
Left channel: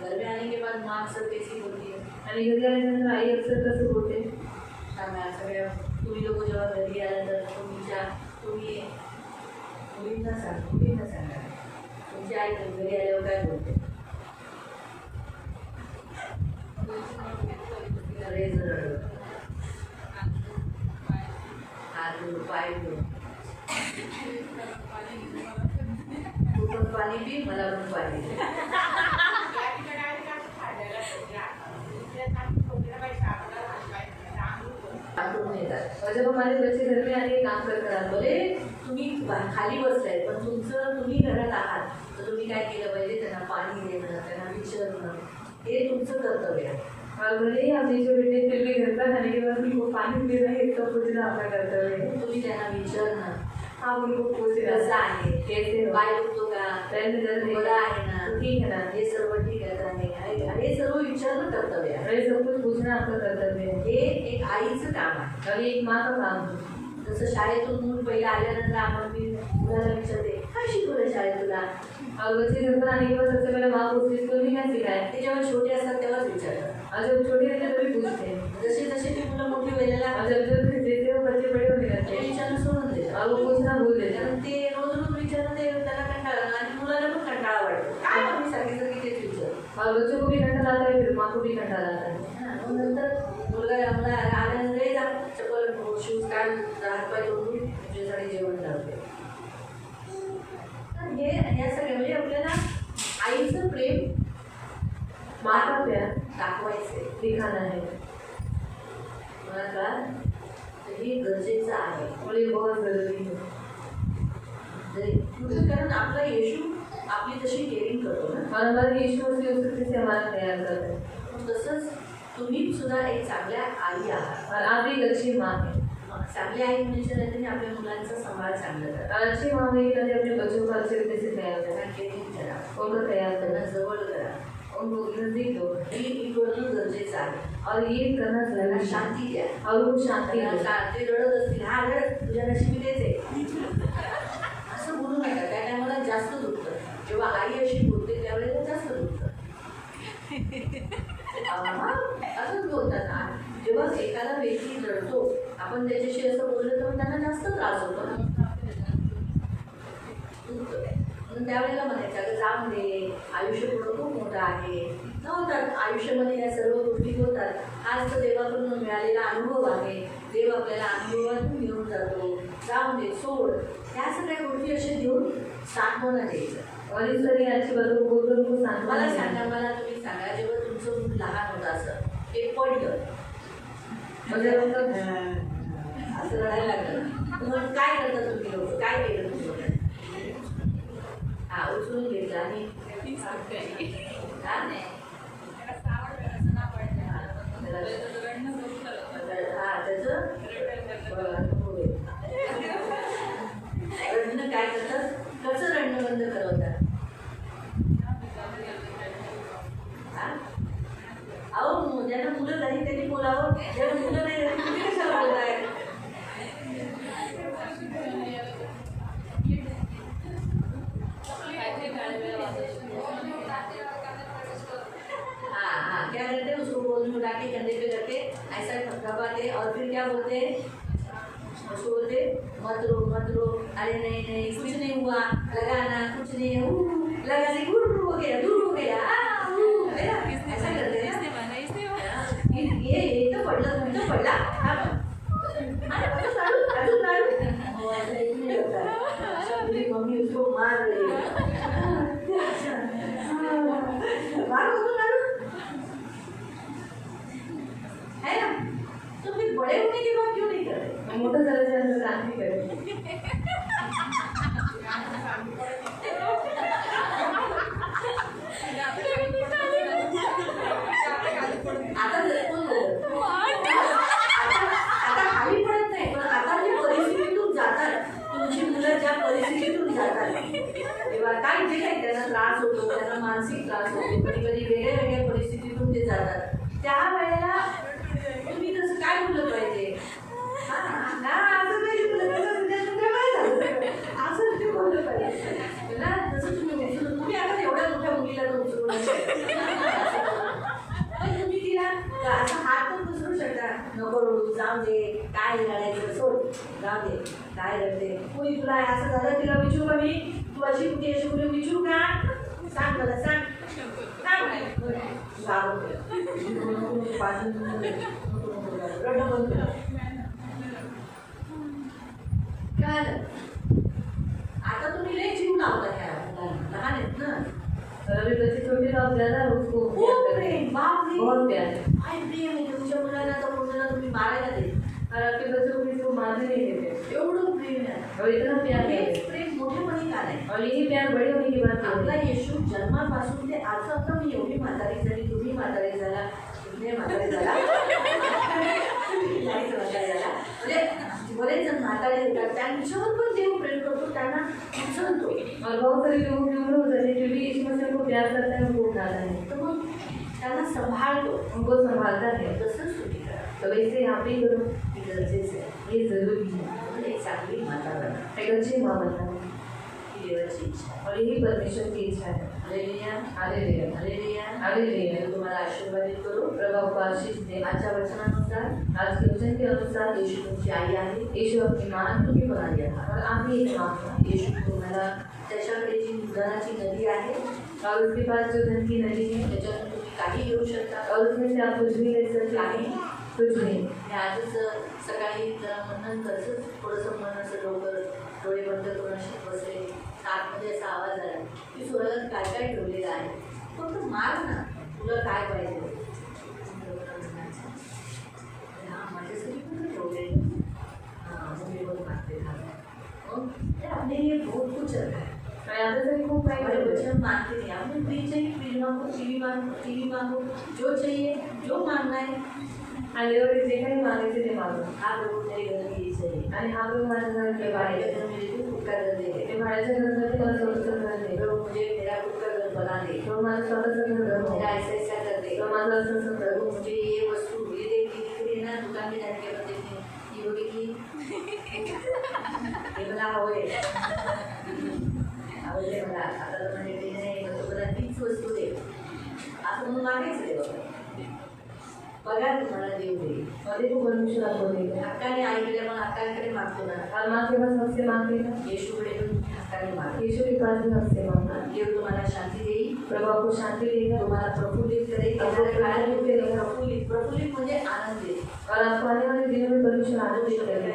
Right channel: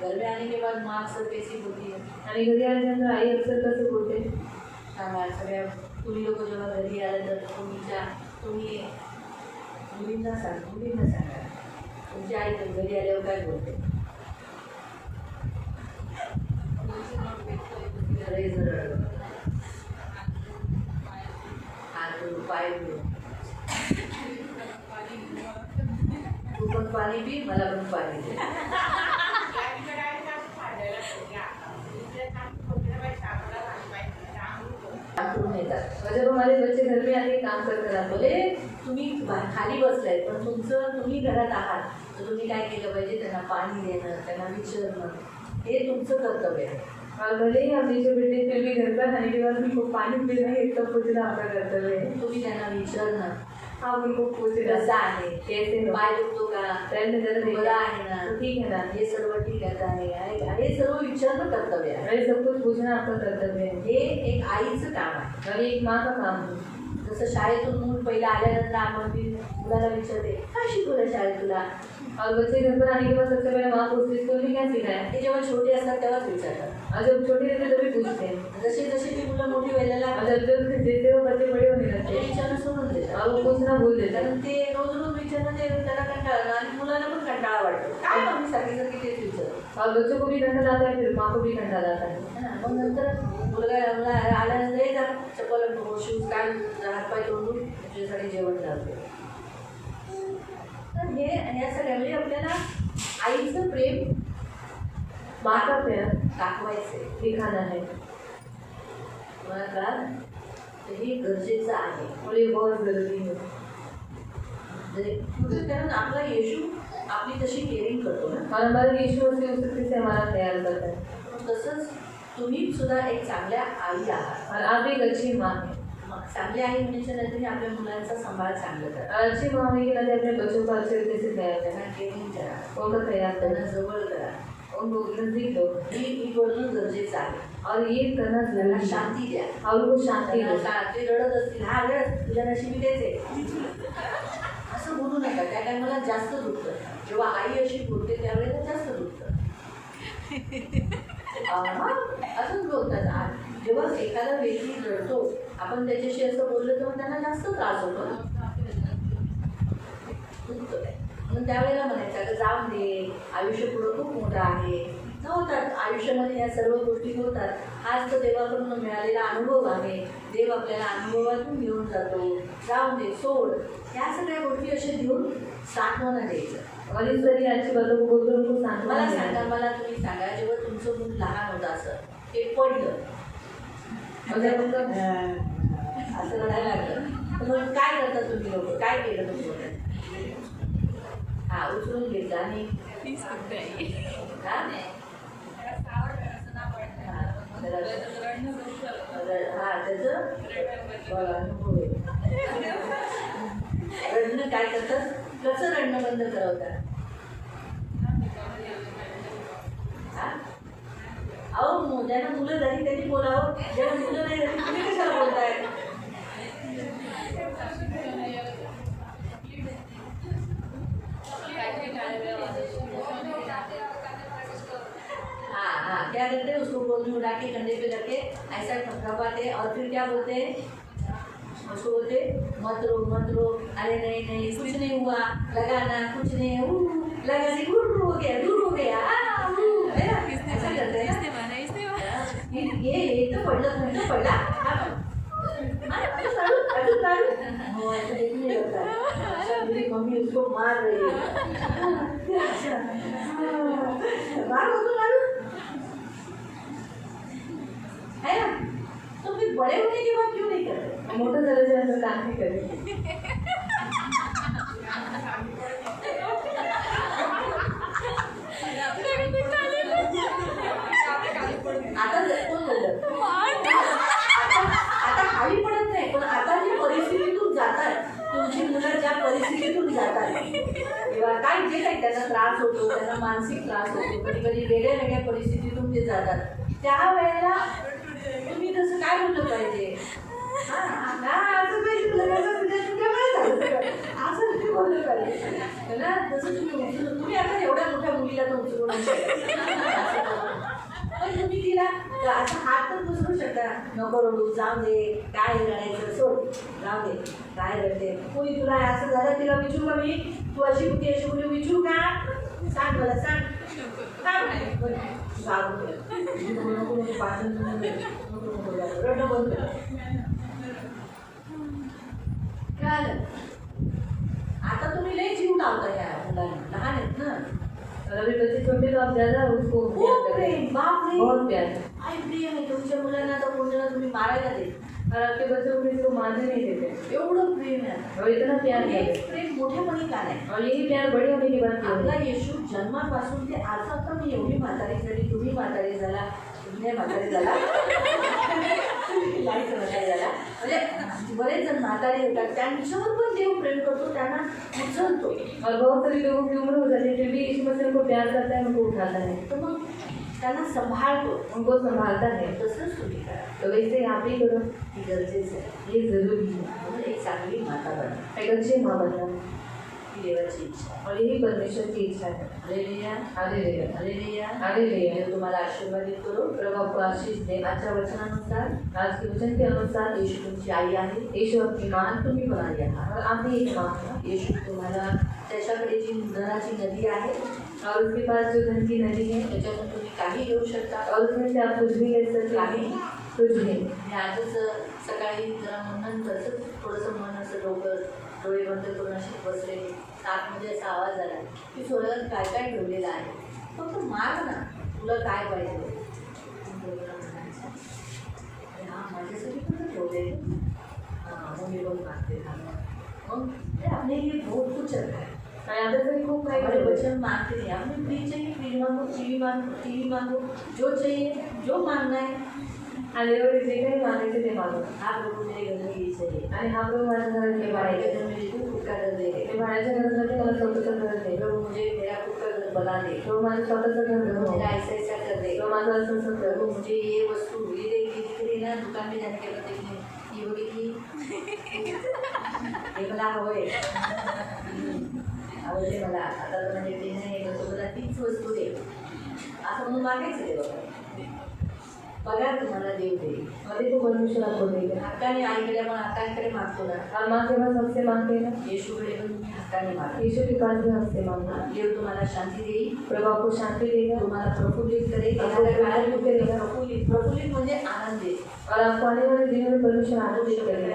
घर में आने के बाद माँ अक्सर कैसी होती है, आणि घरी आल्यानंतर आई अक्सर कसं बोलते, सांगा सगळ्या तुम्ही लोक जेव्हा घरी आल्या तर तुम्ही मुलींना सांगा तुमची आई घरी आल्यावर काय बोलते. अरे जर हात पाय तू पण पाणी पी, मला पण पाणी दे. म्हणजे पण माझे बच्चे घर में आके काम करत राहतो. बोले तुम्ही खाली बसलाय पण तुम्ही घरात आहात तर तुम्ही काय केलं पाहिजे, त्यांना पाणी देणं, त्यांना विचारणं, हे तुमचं कर्तव्य आहे. और भले ही हम जो बेटे फिर भी घर पर खाने के बाद उनको पानी पीना है तो पूछना आपका कर्तव्य है. तुम्ही त्यांना विचारणं, आप उनको पूछना कसं आहे, कैसे हो, पाय दुखतो का, त्यांनी जर बरं आहे ना, ठीक है ना, हे सर्व ठीक आहे का नाही, हे सर्व विचारणं कर्तव्य आहे. अरे सब कुछ पूछना आपका कर्तव्य है. हे एक आईचं काम आहे. और एक माँ का काम है. जसं शाळेतून मूल पहिला आल्यानंतर आपण मुलाला विचारते काय शिकवलं शाळेत तुला, और बच्चे घर पर आने के बाद सबसे पहले माँ पूछती है तुम्हें क्या सिखाया. ते जेव्हा छोटे असतात तेव्हाच विचारतात. और जब छोटे रहते तभी पूछते हैं. जसे जसे ती मुलं मोठी व्हायला लागतात और जब जैसे वो बच्चे बड़े होने पुन्हा भूल देतात. कारण ते रोज रोज विचारणं ते त्याला कंटाळा आणि मुलांना पण कंटाळा वाटतो. काय आम्ही सांगितलं की तेच विचार. और बच्चों को भी ठंडा लाता है, फिर माँ को भी ठंडा लाता है. मग नंतर मुलगा आल्यानंतर हे जरा चप्पल शूज काढ, हातपाय तोडून तुझ्यासाठी जेवण करतो. तर हे ह्या सगळ्या म्हणजे आपल्याला आईचं प्रेम माँ का प्यार दाखवायचे दिखाना है. मला कळालं? तर हे गरजेचं आहे. और ये बहुत जरूरी है. कारण आपला येशू आपली तशी केअरिंग करतो ना. और हमारा यीशु मसीह उस तरीके से हमारा तैयार करता है. तसंच तुम्ही सुद्धा एक चांगल्या आई आहात. और आप एक अच्छी माँ है. चांगली आई होण्याच्या नंतर आपल्या मुलांचा सांभाळ चांगला करा. और अच्छी माँ होने के नाते अपने बच्चों को अच्छे तरीके से तैयार करना. त्यांना केअरिंग करा, उनको तैयार त्यांना करना, जवळ करा. उनको नजदीक दो. ही करणं गरजेचं आहे. और ये करना त्यांना जरूरी है. शांती द्या. और वो शांति त्यांना दो. ते रडत असतील, हा रड तुझ्या नशिबी तेच आहे असं बोलू नका. त्या टायमाला जास्त दुखतं. जेव्हा आई अशी बोलते त्यावेळेला जास्त दुखतं. असंच बोलतात. जेव्हा एखादा व्यक्ती रडतो आपण त्याच्याशी असं बोललो तर त्यांना जास्त त्रास होतो ना. दुखतं ते. म्हणून त्यावेळेला म्हणायचं अगं जाऊन दे, आयुष्य पुढं खूप मोठं आहे. होतात आयुष्यामध्ये या सर्व गोष्टी होतात. हाच तर देवाकडून मिळालेला अनुभव आहे. देव आपल्याला अनुभवातून घेऊन जातो. जाऊन दे, सोड, या सगळ्या गोष्टी अशा देऊन सांत्वना द्यायचं. और इस तरह की अच्छी बातों को बोलकर उनको मला सांत्वना सांगा, देना. मला तुम्ही सांगा, जेव्हा तुमचं मूल लहान होतं असं ते पडलं म्हणजे मतलब असं रडायला लागलं तर मग काय करता तुम्ही लोक? काय केलं तुम्ही लोक? हा, उचलून घेतलं आणि रडणं काय करतात? कसं रडणं बंद करवतात? अहो, ज्यांना मुलं झाली त्यांनी बोलावं. जेव्हा मुलं नाही झाली तुम्ही कशाला बोलताय? हाँ, क्या कहते हैं उसको गोद में उठा के कंधे पे रख के ऐसा थपथपाते और फिर क्या बोलते हैं उसको बोलते मत रो मत रो, अरे नहीं नहीं कुछ नहीं हुआ, लगाना कुछ नहीं, लगा से दूर हो गया, दूर हो गया, ऐसा करते हैं ना. ये तो पडलं, तुम्ही तो पडला. मेरी मम्मी उसको मार रही है. मार होतो ना है ना. तो फिर बड़े होने के बाद क्यों नहीं कर रहे? मोठं झाल्याच्या काम नाही करेल. आता खाली पडत नाही, पण आता जी परिस्थितीतून जातात तुमची मुलं, ज्या परिस्थितीतून जातात तेव्हा काय जे काही त्यांना त्रास होतो, त्यांना मानसिक त्रास होतो, कधी कधी वेगळ्या वेगळ्या परिस्थितीतून ते जातात. त्यावेळेला तुम्ही तसं काय बोललं पाहिजे? असं तुम्ही बोललं पाहिजे ना. जसं तुम्ही आता एवढ्या मोठ्या मुलीला तर उचलून पण तुम्ही तिला असं हात पण पुसरू शकता. नको रडू, जाऊ दे, काय रडायचं, सोड, जाऊ दे, काय रडते, कोणी तुला असं झालं तिला विचारू का मी, तू अशी कुठे अशी कुठे विचारू का? सांग मला, सांग रडणं बंद कर. काय आता तुम्ही लई जीव लावता या मुलांना, लहान आहेत ना. और अभी बच्चे छोटे तो आप ज्यादा उसको प्यार खूप करें. प्रेम, बापरे, बहुत प्यार है. काय प्रेम आहे तुमच्या मुलांना. तर मुलांना तुम्ही मारायला दे. और आपके बच्चों को किसी को मारने नहीं देते. एवढं प्रेम आहे. और इतना प्यार हे है. प्रेम मोठेपणी का नाही? और यही प्यार बड़े होने के बाद आपला है. येशू जन्मापासून ते आता तर मी एवढी म्हातारी झाली, तुम्ही म्हातारी झाला, तुम्ही म्हातारी झाला, लाईट म्हातारी झाला, म्हणजे बरेच जण म्हातारी होतात, त्यांच्यावर पण देव प्रेम करतो, त्यांना उचलतो. और बहुत सारे लोगों की उम्र हो जाती है, फिर भी यीशु मसीह उनको प्यार करता है, उनको उठाता है, तर मग त्यांना सांभाळतो. उनको संभालता है. तसंच तुम्ही करा. तो वैसे आप ही करो. ही गरजेचं आहे. ये जरूरी है. म्हणजे एक चांगली माता बना. एक अच्छी माँ बनना. ही देवाची इच्छा और यही परमेश्वर की इच्छा है। Hallelujah hallelujah hallelujah hallelujah. मैं तुम्हाला आशीर्वादित करो प्रभु आपको आशीष दे। आजच्या वचनानुसार आज के वचन के अनुसार येशू तुमची आई आहे यीशु आपकी मां मान तुम्ही पण आई आहात और आप ही एक मां हैं। येशू तुम्हाला त्याच्याकडे जी धनाची नदी आहे और उसके पास जो धन की नदी है त्याच्यातून तुम्ही काही घेऊ शकता और उसमें से आप कुछ भी ले सकते काही हैं, कुछ भी। मी आजच सकाळी जरा नंतर थोडंसं मन असं लवकर डोळे बंद करून असे बसले आतमध्ये असा आवाज आला की स्वर्गात काय काय ठेवलेलं आहे फक्त माग ना तुला काय पाहिजे हां माझ्यासाठी पण ठेवलेलं हां मग मी पण मागते मग ते अपने लिए बहुत कुछ रखा है और यहाँ पे खूब हमारे खाई बच्चे मांगते नहीं हमें फ्रिज चाहिए फ्रिज मांगो टीवी मांगो जो चाहिए जो मांगना है आणि एवढे जे काही मागायचे ते मागू। हाँ प्रभु मेरे घर में ये चाहिए आणि हा प्रभू माझ्या घरात मेरे हे भाई वाढायचे बहन मुझे तू खुद का घर दे दे ते भाड्याच्या घरासाठी मला स्वतःचं घर दे। प्रभु मुझे मेरा खुद का घर बना दे तो माझं स्वतःचं घर प्रभु बनव। मेरा ऐसा ऐसा कर दे तो माझं असं असं कर। प्रभु मुझे ये वस्तु ये दे ये दिख रही ना दुकान में जाने के बाद देखने ये बघितली हे मला हवंय आवडते मला आता तर म्हणजे ते नाही मला तीच वस्तू दे असं म्हणून मागायचं ते बघा तुम्हाला देव देईल और देखो परमेश्वर आपको देगा। हक्काने आईकडे पण हक्कांकडे मागतो ना और माँ के पास हक से मांगेगा, येशूकडे पण हक्काने मागा यीशु के पास भी हक से मांगना। देव तुम्हाला शांती देईल प्रभु आपको शांति देगा तुम्हाला प्रफुल्लित करेल आपको येणाऱ्या काळात प्रफुल्लित करेल। प्रफुल्लित प्रफुल्लित म्हणजे आनंद देईल और आपको आने वाले दिनों में परमेश्वर आनंदित करेगा।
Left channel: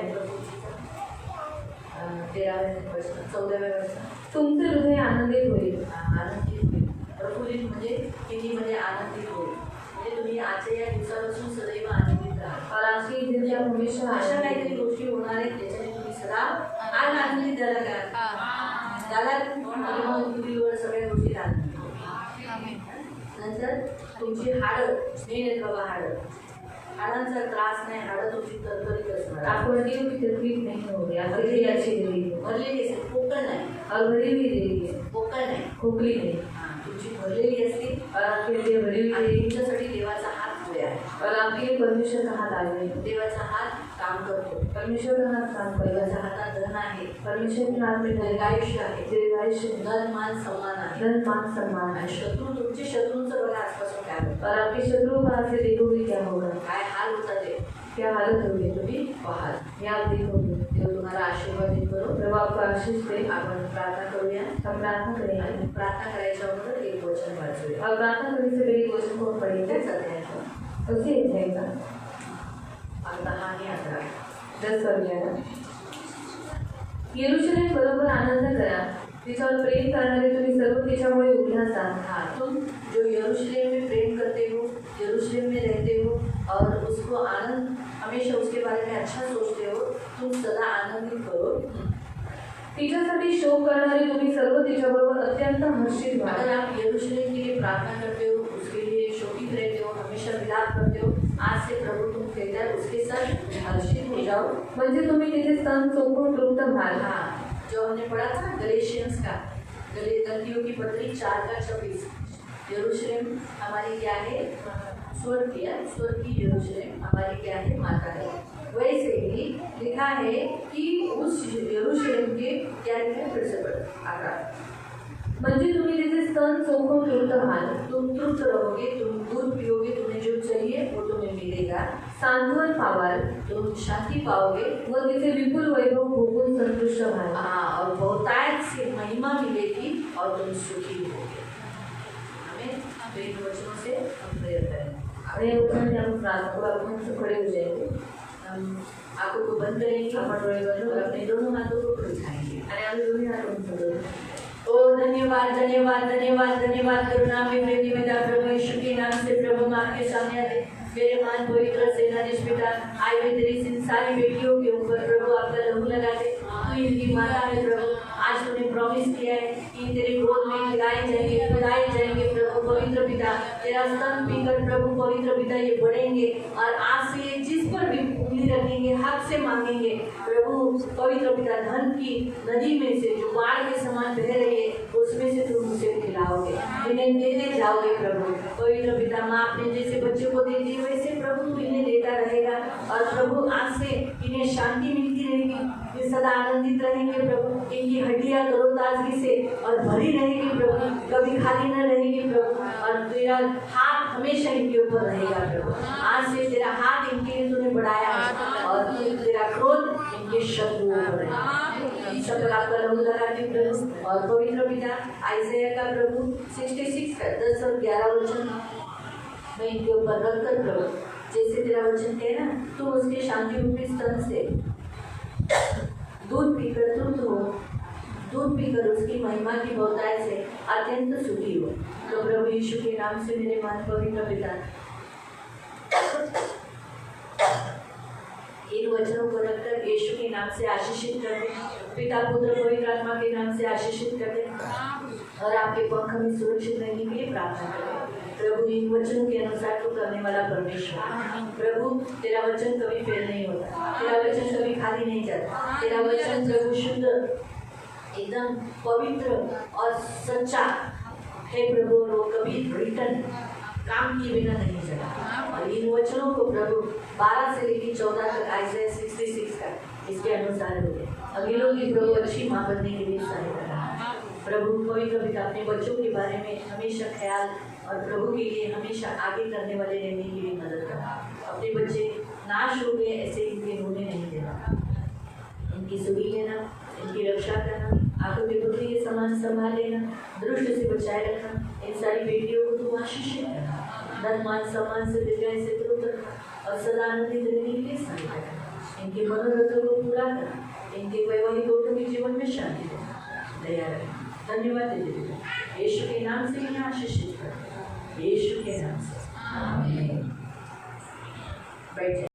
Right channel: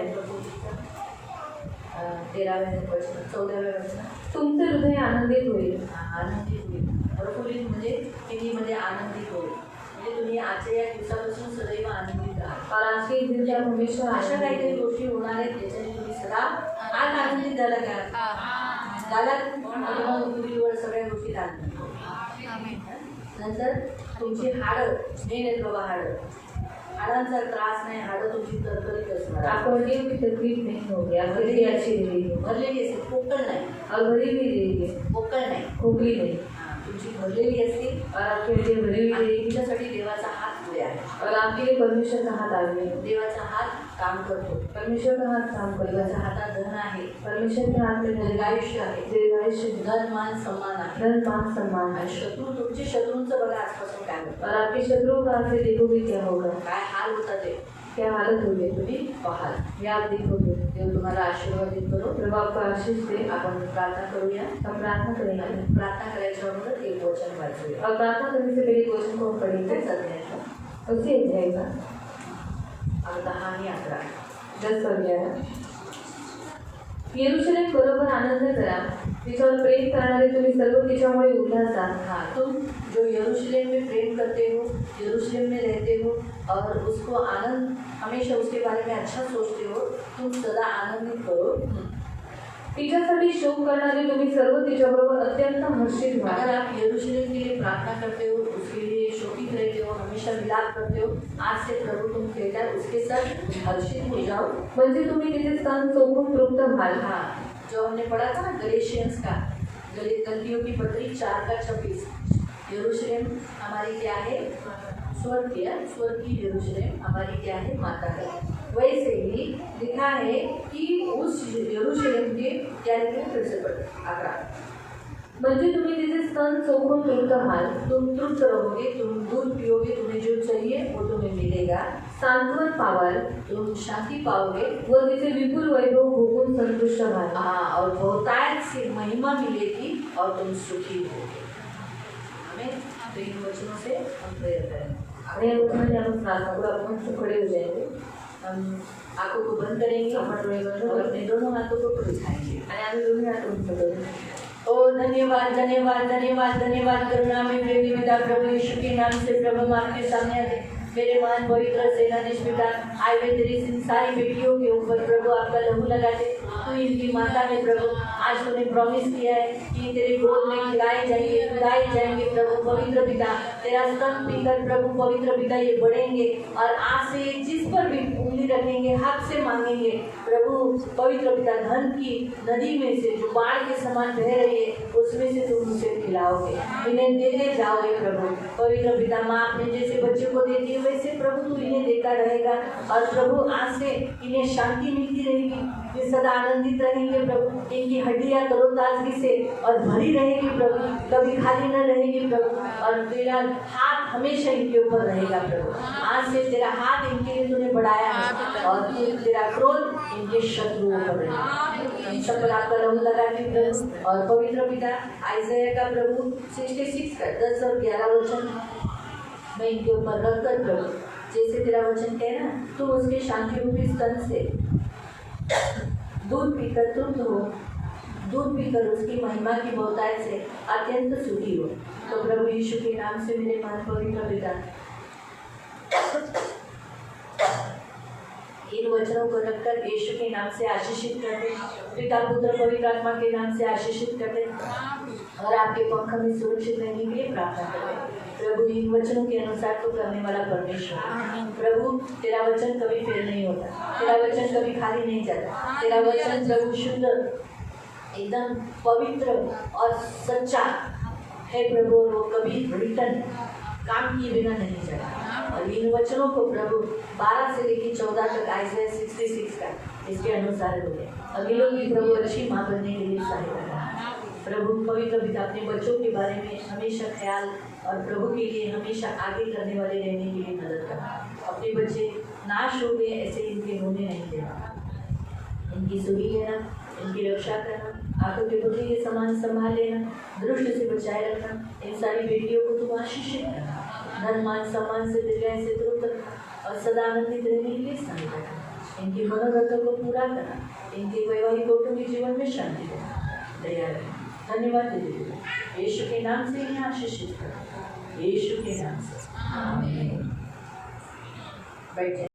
13व्या वचन 14व्या वचन तुमचे हृदय आनंदित होईल। आनंदित होईल प्रफुल्लित म्हणजे हिंदीमध्ये आनंदित होईल म्हणजे तुम्ही आजच्या या दिवसापासून सदैव आनंदित राहा और आज के दिन से आप हमेशा अशा आनंदित काहीतरी होईल। गोष्टी होणार आहेत ज्याच्याने तुम्ही सदा आज आनंदित झाला का झाला आणि मग पुढील सगळ्या गोष्टी आनंदित नंतर तुमची हाडं मेन आहेत बाबा हाडांचा त्रास नाही हाडं तुमची तरतरीत असणार आपको हड्डियों की तकलीफ नहीं होगी, आपकी हड्डी अच्छी रहेगी भरलेली असेल पोकळ नाही और भरी हुई रहेगी, पोकळ नाही खोखली नहीं। तुमची भरलेली असते और आपकी हड्डियाँ भरी हुई आणि रहेगी तुमच्यासाठी देवाचा हात पुढे आहे और आपके लिए परमेश्वर का हाथ आगे है। देवाचा हात काम करतो परमेश्वर का हाथ काम करेगा। देवाच्या हातात धन आहे परमेश्वर के हाथ में दीर्घायुष्य आहे दीर्घायुष्य, धन मान सन्मान आहे धन मान सम्मान आणि है। शत्रू तुमचे शत्रूंचं बघा आजपासून काय होतं और आपके शत्रुओं का से देखोगे क्या होगा, काय हाल होता ते क्या हालत होगी, तुम्ही पाहाल ये आप देखोगे। देव तुम्हाला आशीर्वादित करो प्रभु आपको आशीष दे। आपण प्रार्थना करूया हम प्रार्थना करेंगे आणि प्रार्थना करायच्या अगोदर एक वचन वाचूया और प्रार्थना करने से पहले क्वेश्चन को हम पढ़ेंगे। काय चाललंय उसे जाएगा 10 आणि 11 10 अध्याय। यरूशलेम बरोबर आनंद करा, तिच्यावर प्रेम करणारे तुम्ही सर्व तिच्यामुळे उल्हास आहात। हाँ तुम जो यरूशलेम में प्रेम करते हो यरूशलेम में रहते हो और उसको आनंद हमेशा उसके बारे में अच्छा सोचते हो तुम सदा आनंदित करो तिच्यासाठी शोक करणारे तुम्ही सर्व तिच्याबरोबर अत्यंत हर्षित व्हा। अगर आप यरूशलेम के लिए प्रार्थना करते हो उसके लिए शोकित रहते हो हमेशा विलाप करते हो आज से प्रभु तुम कहता है उसके साथ हर्षित हो जाओ म्हणजे तुम्ही तिचे स्तन चोखून तृप्त व्हाल। हाँ जो हमने पढ़ा था ना गलेशियंस का गलतियों की पत्री 4:26 यरूशलेम हमारी क्या है स्वर्ग की यरूशलेम हमारी क्या है माता है वैसे ही लिखा है कि उस यरूशलेम के क्या लिखा है फिर से पढ़ आकार म्हणजे तुम्ही तिचे स्तन चोखून तृप्त व्हाल। तुम तृप्त रहोगे तुम दूध पियोगे तुम्हें जो चाहिए वो तुम्हें मिलेगा सांत्वन पावाल तुम शांति पाओगे व तिचे विपुल वैभव भोगून संतुष्ट व्हाल। हाँ और बहुतायत से महिमा मिलेगी और तुम सुखी होगे हमें तो इन वचनों से हम प्रेयर करेंगे आणि या वचनाने आपण प्रार्थना करू। आपण हम खड़े हो जाएंगे, हम आंखों को बंद करेंगे आपण डोळे बंद और करू अपने दोनों हाथों को उठाएंगे आणि आम्ही दोन्ही हात उंच करू। ओ धन्यवाद धन्यवाद धन्यवाद धन्यवाद करुणा में प्रतिमिता प्रभु यीशु के नाम से प्रभु हम आपके सामने आते मेरे मान पवित्र सेनाधीश पिता आए हुए तेरी इन सारी बेटियों के ऊपर प्रभु आपका लहू लगाते तू इनकी माता है प्रभु आज तूने प्रॉमिस किया है कि तेरे गोद में खिलाए जाएंगे प्रभु पवित्र पिता तेरा स्तन पीकर प्रभु पवित्र पिता ये बढ़ेंगे और आज से ये जिस पर भी उंगली रखेंगे हक से मांगेंगे प्रभु पवित्र पिता धन की नदी में से जो बाढ़ के समान बह रही है उसमें से तुम उसे खिलाओगे इन्हें देते जाओगे प्रभु पवित्र पिता माँ अपने जैसे बच्चों को देती है वैसे प्रभु तू इन्हें देता रहेगा और प्रभु आज से इन्हें शांति मिलती रहेगी, ये सदा आनंदित रहेंगे प्रभु, इनकी हड्डियां तरोताजगी से और भरी रहेगी प्रभु, कभी खाली न रहेगी प्रभु, और तेरा हाथ हमेशा इनके ऊपर रहेगा प्रभु। आज से तेरा हाथ इनके लिए तूने बढ़ाया है और तेरा क्रोध इनके शत्रुओं पर रहेगा। सब पर आपका रंग लगाती प्रभु। और पवित्र पिता आइज़ाया का प्रभु 66 का 10 और 11 वचन मैं इनके ऊपर रख कर प्रभु, जैसे तेरा वचन कह ना, तुम उसके शांति रूपी स्तन से दूध पीकर तृप्त हो, दूध पीकर उसकी महिमा की बहुतायत से अत्यंत सुखी हो। तो प्रभु यीशु के नाम से मेरे मन पवित्र पिता इन वचनों को रखकर यीशु के नाम से आशीषित करते, पिता पुत्र पवित्र आत्मा के नाम से आशीषित करते और आपके पंख में सुरक्षित रहने के लिए प्रार्थना करते। प्रभु इन वचनों के अनुसार तो करने वाला परमेश्वर, प्रभु तेरा वचन कभी फेल नहीं होता, तेरा वचन कभी खाली नहीं जाता, तेरा वचन प्रभु शुद्ध एकदम पवित्र और सच्चा है प्रभु, और वो कभी रिटर्न काम किए बिना नहीं जाता। और इन वचनों को प्रभु 12 से लेकर 14 तक आइज़ाया 66 का इसके अनुसार हो गया। अभी लोग भी प्रभु अच्छी माँ बनने के लिए सहायता करा। प्रभु पवित्र पिता अपने बच्चों के बारे में हमेशा ख्याल और प्रभु के लिए हमेशा आगे करने वाले रहने के लिए मदद करना। अपने बच्चे नाश हो गए ऐसे इनके होने नहीं देना, इनकी सुनी लेना, इनकी रक्षा करना, आंखों के पुत्री के समान संभाल लेना, दुष्ट से बचाए रखना। इन सारी बेटियों को तुम आशीषित करना, धन मान सम्मान से दीर्घायु से दूर रखना और सदा आनंदित रहने के लिए सहायता करना। इनके मनोरथों को पूरा करना, इनके वैवाहिक कौटुंबिक जीवन में शांति देना, दया रखना। धन्यवाद देते यीशु के नाम से इन्हें आशीषित करना, यीशु के नाम से आमीन। बैठे।